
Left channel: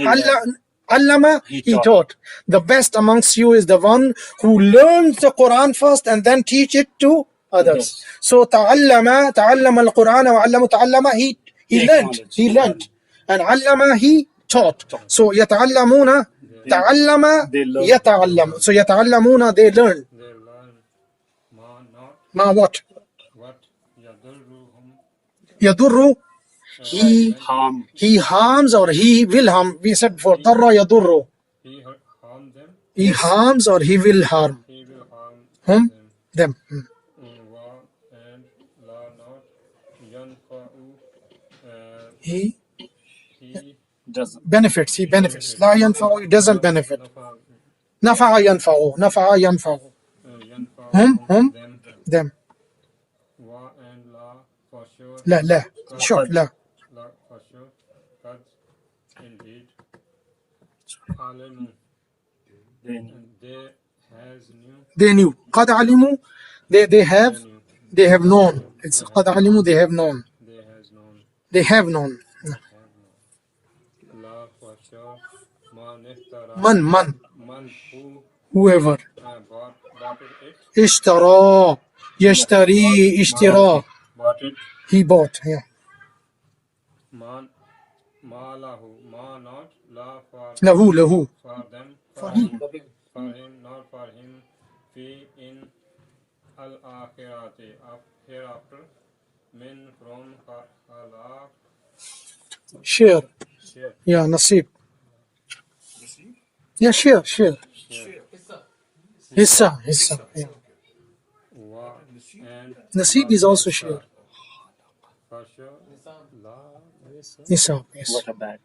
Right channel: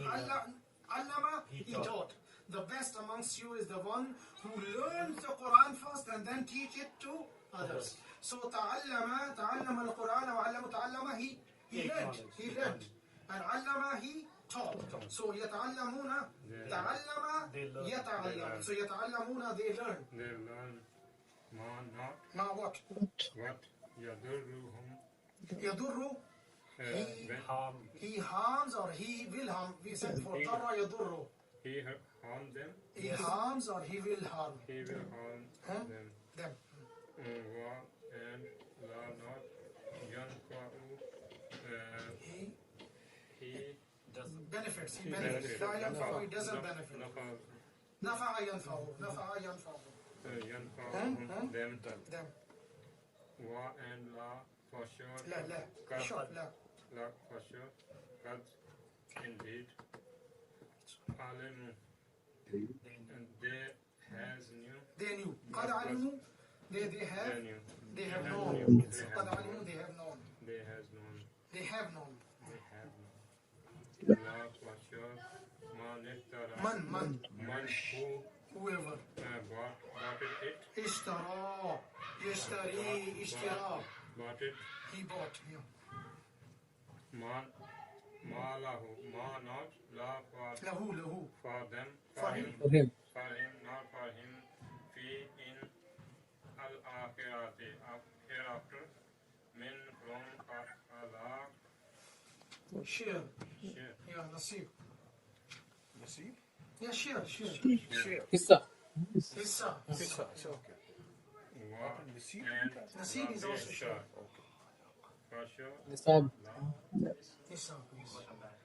Allama, he taught. The best amongst you is the one who learns the Quran first and then teach it to others. So تعلم القرآن وعلمه. تعلم, he learned. And allama, he taught. So يتعلمون, تعلم يتعلم. So يتعلمون, they learn. Ma what? يضر, he harms or he will harm. We said before, ضر يضر. He harms or he will harm. Whom? Them. And la not yanfa'u, He doesn't. benefits. He benefits. لا ينفع, he doesn't benefit. نفع ينفع. Whom? Them. wa and la for sure. لا short لا. La for sure. Qad indeed. Alimu, and they They knew. قد علموا, they have known. It's قد علموا, they have known. They have known. La for sure. Man, Who whoever. bought it. اشترى يشتري اشترى. Bought it. He bought. Yeah. Ma lahu, ma not la for له. for them, For him. not for him. Fi in al akhirati, hereafter. Min from khalaq. Share. Yeah, nasib. Yeah, share. Hissa. Yeah. Wa and Nasib is also share. for sure. Nisab. Nisab, yes. What a bad.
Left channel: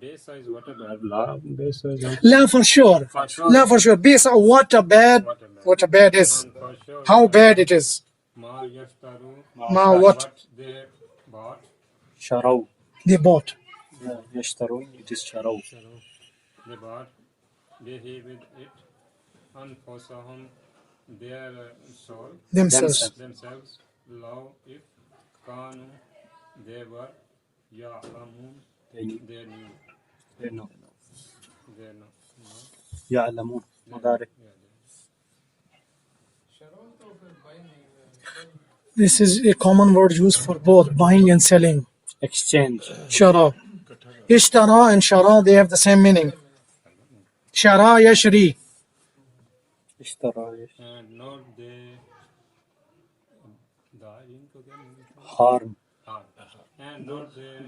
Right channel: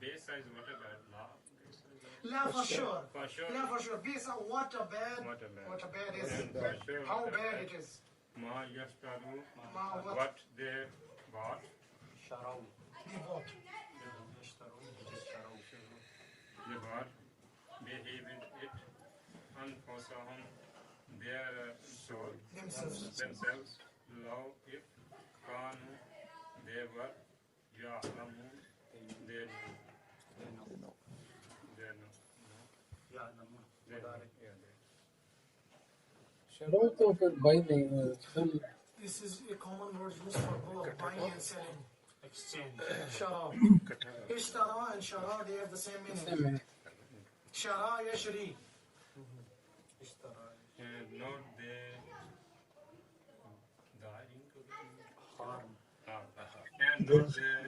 Besa is what a bad. La besa is La for sure. La for sure. Besa, what a bad is. for sure. How bad it is. Ma yashtaru, Ma what they bought. Sharaw. they bought. Yashtarun, it is sharaw. They bought bihi with it anfusahum, their soul, Themselves. law if kanu, they were ya'lamun, they knew. They know. They know. Ya'lamun. Mubarak. Shadow to binding. This is a common word used for both buying and selling. Exchange. Shara. Ishtara and shara, they have the same meaning. Shara yashri. Ishtara. And not Harm. and not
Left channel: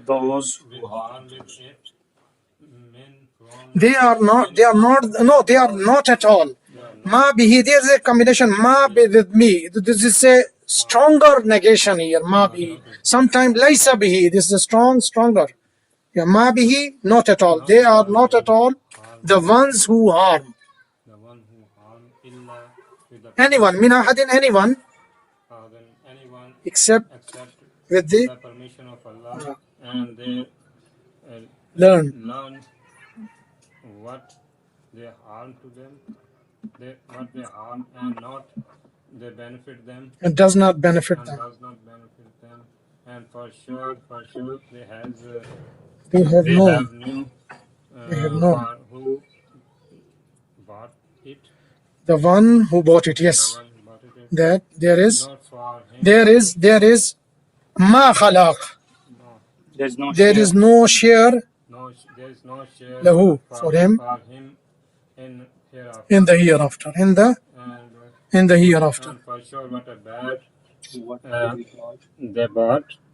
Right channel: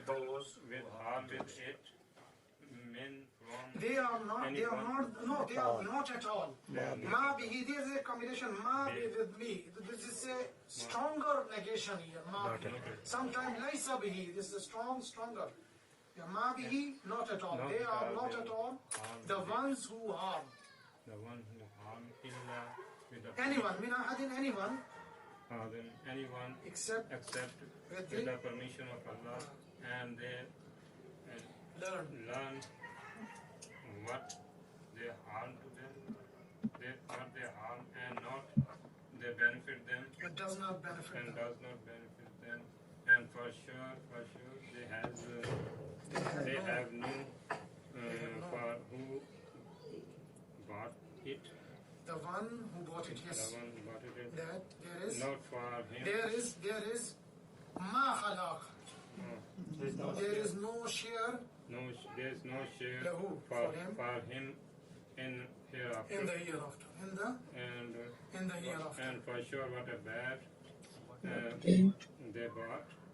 Those with who harm. harm with it, men from They are not at all. Ma bihi, there's a combination. Ma bi with me. This is a stronger negation here. Ma bihi. Sometimes laisa bihi. This is a stronger. Yeah, ma bihi, not at all. They are not at all the ones who harm. the one who harm illa with the Anyone, min ahadin, anyone, than anyone except except with the the permission of Allah, and they learn. learn what they harm to them, what they harm and not they benefit them It does not benefit and them. does not benefit them, and for sure They have they known. have knew They have known. for who bought it, The one who bought it, the yes. one who bought it, That there is not for him. there is ma khalaq. No, There's no There share. is no share there is no share lahu, for him. in hereafter, in the hereafter. In the hereafter. and for sure what a bad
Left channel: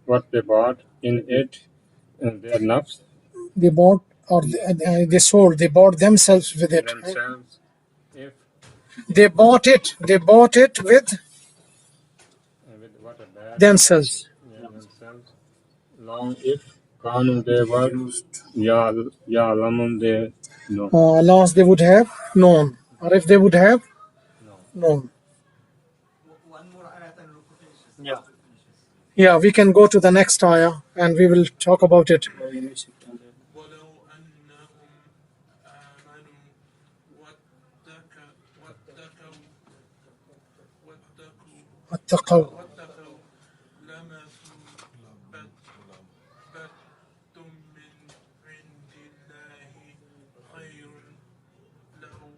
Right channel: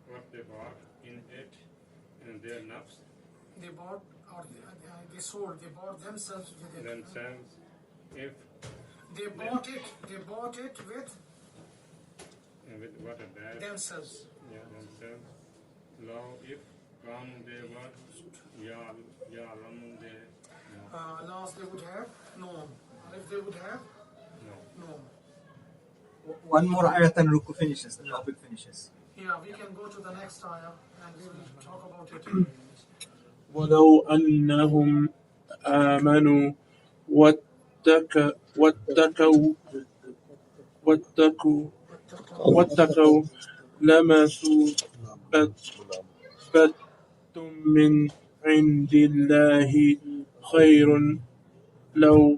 What they bought in it, and their nafs They bought or they sold. They bought themselves with it. themselves, if They bought it with with what a bad themselves. themselves, long if kanu they were ya'lamun, No. Unless they would have known, or if they would have known. One more ayat and Ruku finishes. Yeah. Finishes. Yeah, we can go to the next ayah and we will talk about it. ولو أنهم آمنوا واتقوا واتقوا لمثوبة من عند الله خير لو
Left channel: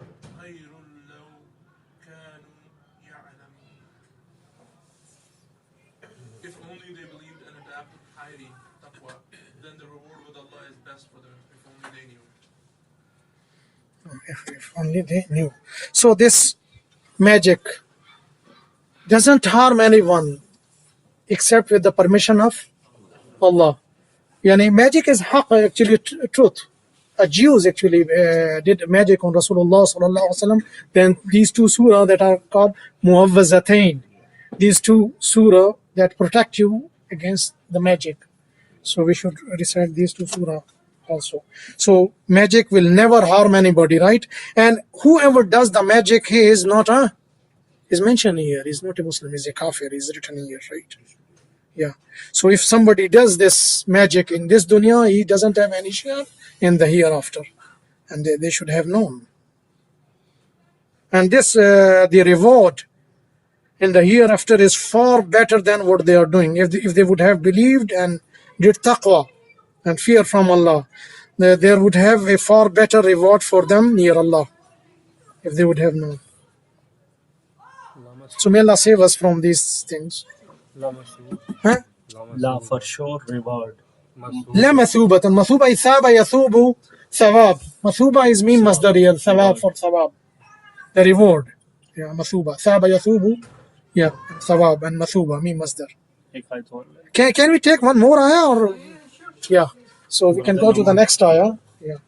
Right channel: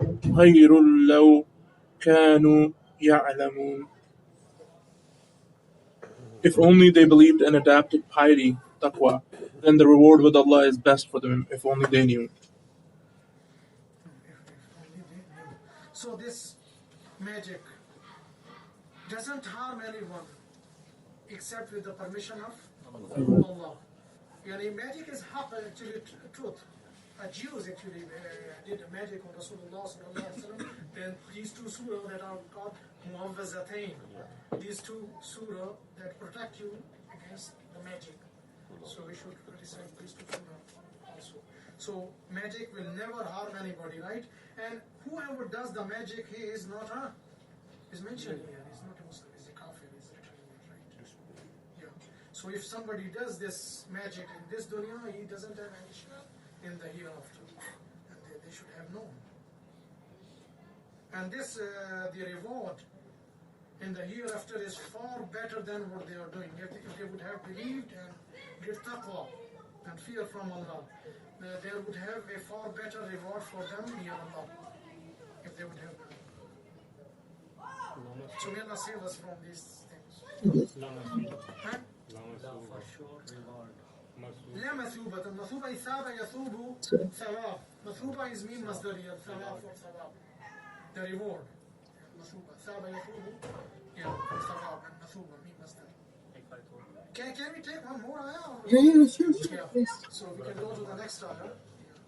كانوا يعلمون. If only they believed and adapted piety, taqwa, then the reward with Allah is best for them, if only they knew. If only they knew. So this magic doesn't harm anyone except with the permission of Allah. Yani magic is haqq, actually truth. Jews actually did magic on Rasulullah sallallahu alaihi wasallam. Then these two surah that are called muawwazatain, these two surah that protect you against the magic. So we should recite these two surah also. So magic will never harm anybody, right? And whoever does the magic, he is not is mentioned here. He's not a Muslim. He's a kafir. He's written here, right? Yeah. So if somebody does this magic in this dunya, he doesn't have any share in the hereafter, and they should have known. And this the reward in the hereafter is far better than what they are doing. If they would have believed and did taqwa and fear from Allah, there would have a far better reward for them near Allah if they would have known. So may Allah save us from these things. Huh? La, for sure reward. لا مثوبة. مثوبة is ثاب يثوب ثواب. مثوبة is mean masdar here. ثواب for ثواب. The reward. Yeah, مثوبة. ثاب يثوب. Yeah, ثواب and مثوبة mean masdar. Can we take one more ayah or? Yeah. So we can go to the next ayah. Yeah.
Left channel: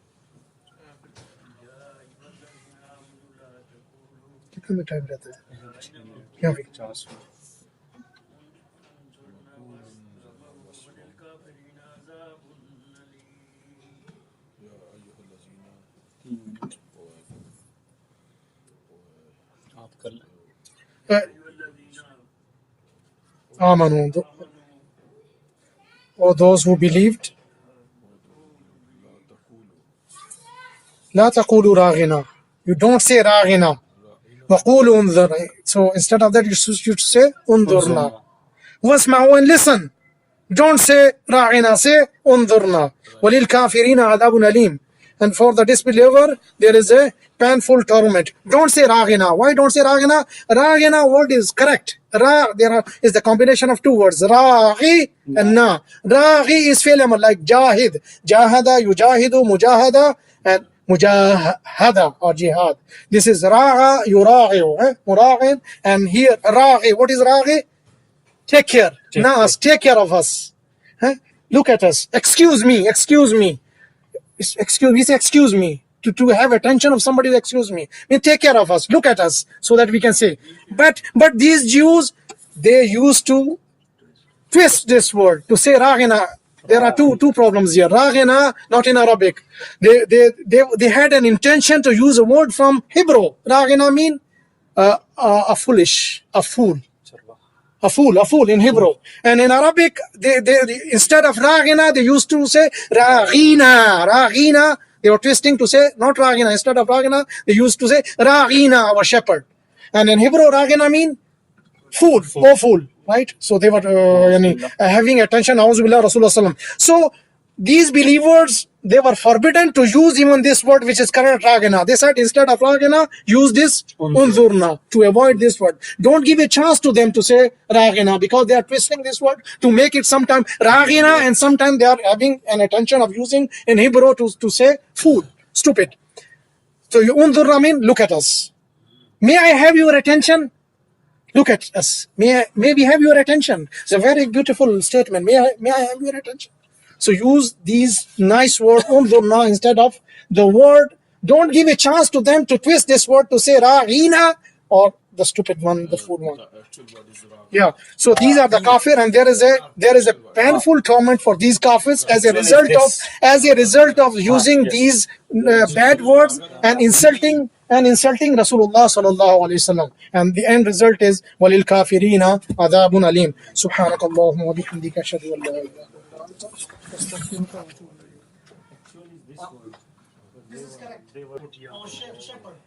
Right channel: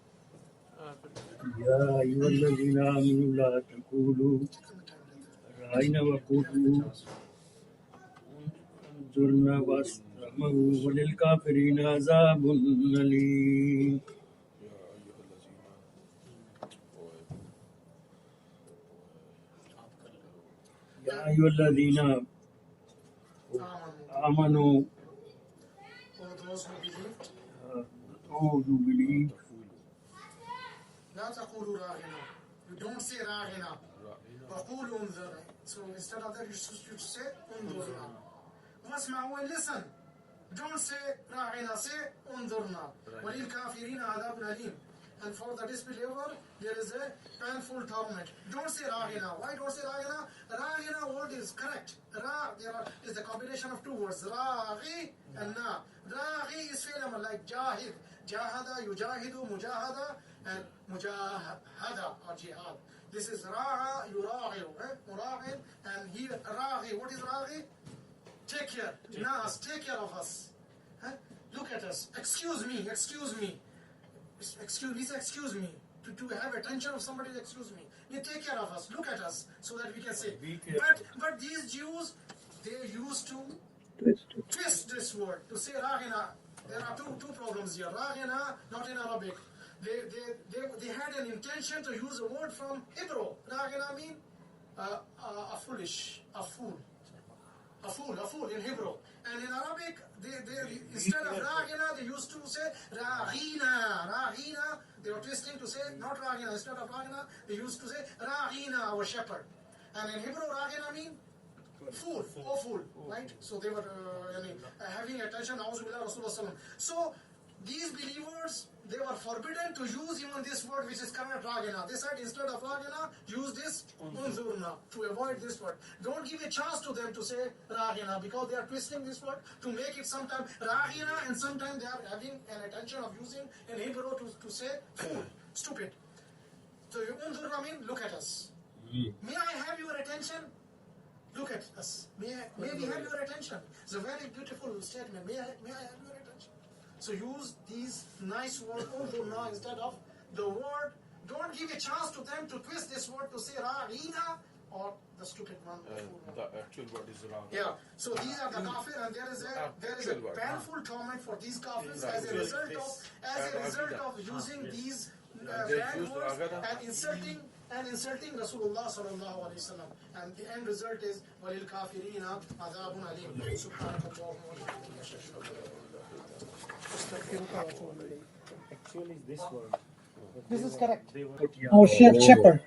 يا أيها الذين آمنوا لا تقولوا رأينا وقولوا انظرنا واسمعوا وللكافرين عذاب أليم. يا أيها الذين آمنوا or those who believed, لا تقولوا راغنا. You don't say راغنا. وقولوا انظر. So instead of that, you should say انظرنا. واسمعوا and listen. Don't say راغنا, say انظرنا. وللكافرين عذاب أليم. And for the disbeliever, there is a painful torment. Don't say راغنا. Why don't say راغنا? راغنا word is correct. Is the combination of two words, راغي and na. راغي is fi'l amr like jahid. Jahada, yujahidu, mujahada, and mujahada or jihad. This is raga, yuragiu, muragin, and here ragi. What is ragi? Take care. Nas, take care of us. Look at us. Excuse me. Excuse me. Excuse me. To have attention of somebody, excuse me. Take care of us. Look at us, so that we can say. But these Jews, they used to twist this word to say raghina. There are two problems here. Raghina, not in Arabic. They had an intention to use a word from Hebrew. Raghina mean a fool in Hebrew. And in Arabic, they instead of raghina, they used to say raghina. They were twisting to say not raghina. Instead of raghina, they used to say raghina, our shepherd. And in Hebrew, raghina mean fool, right? So they were having attention. Auzubillah Rasulullah. So these believers, they were forbidden to use even this word, which is correct raghina. They said instead of raghina, use this unzurna to avoid this word. Don't give a chance to them to say raghina, because they are twisting this word to make it sometimes raghina, and sometimes they are having an intention of using in Hebrew to say fool, stupid. So unzurna mean look at us. May I have your attention? Look at us. May we have your attention? It's a very beautiful statement. May I have your attention? So use these nice words unzurna instead of the word. Don't give a chance to them to twist this word to say raghina or the stupid one, the food one. The actual word is wrong. Yeah. So these are the kafir, and there is a painful torment for these kafirs as a result of using these bad words and insulting Rasulullah sallallahu alaihi wasallam. And the end result is walil kafirina adabun alim. Subhanakallahumma wa bihamdika ashhadu an la ilaha illa anta astaghfiruka wa atubu ilayk. Actually, this word. This is correct. Oh, shepherd.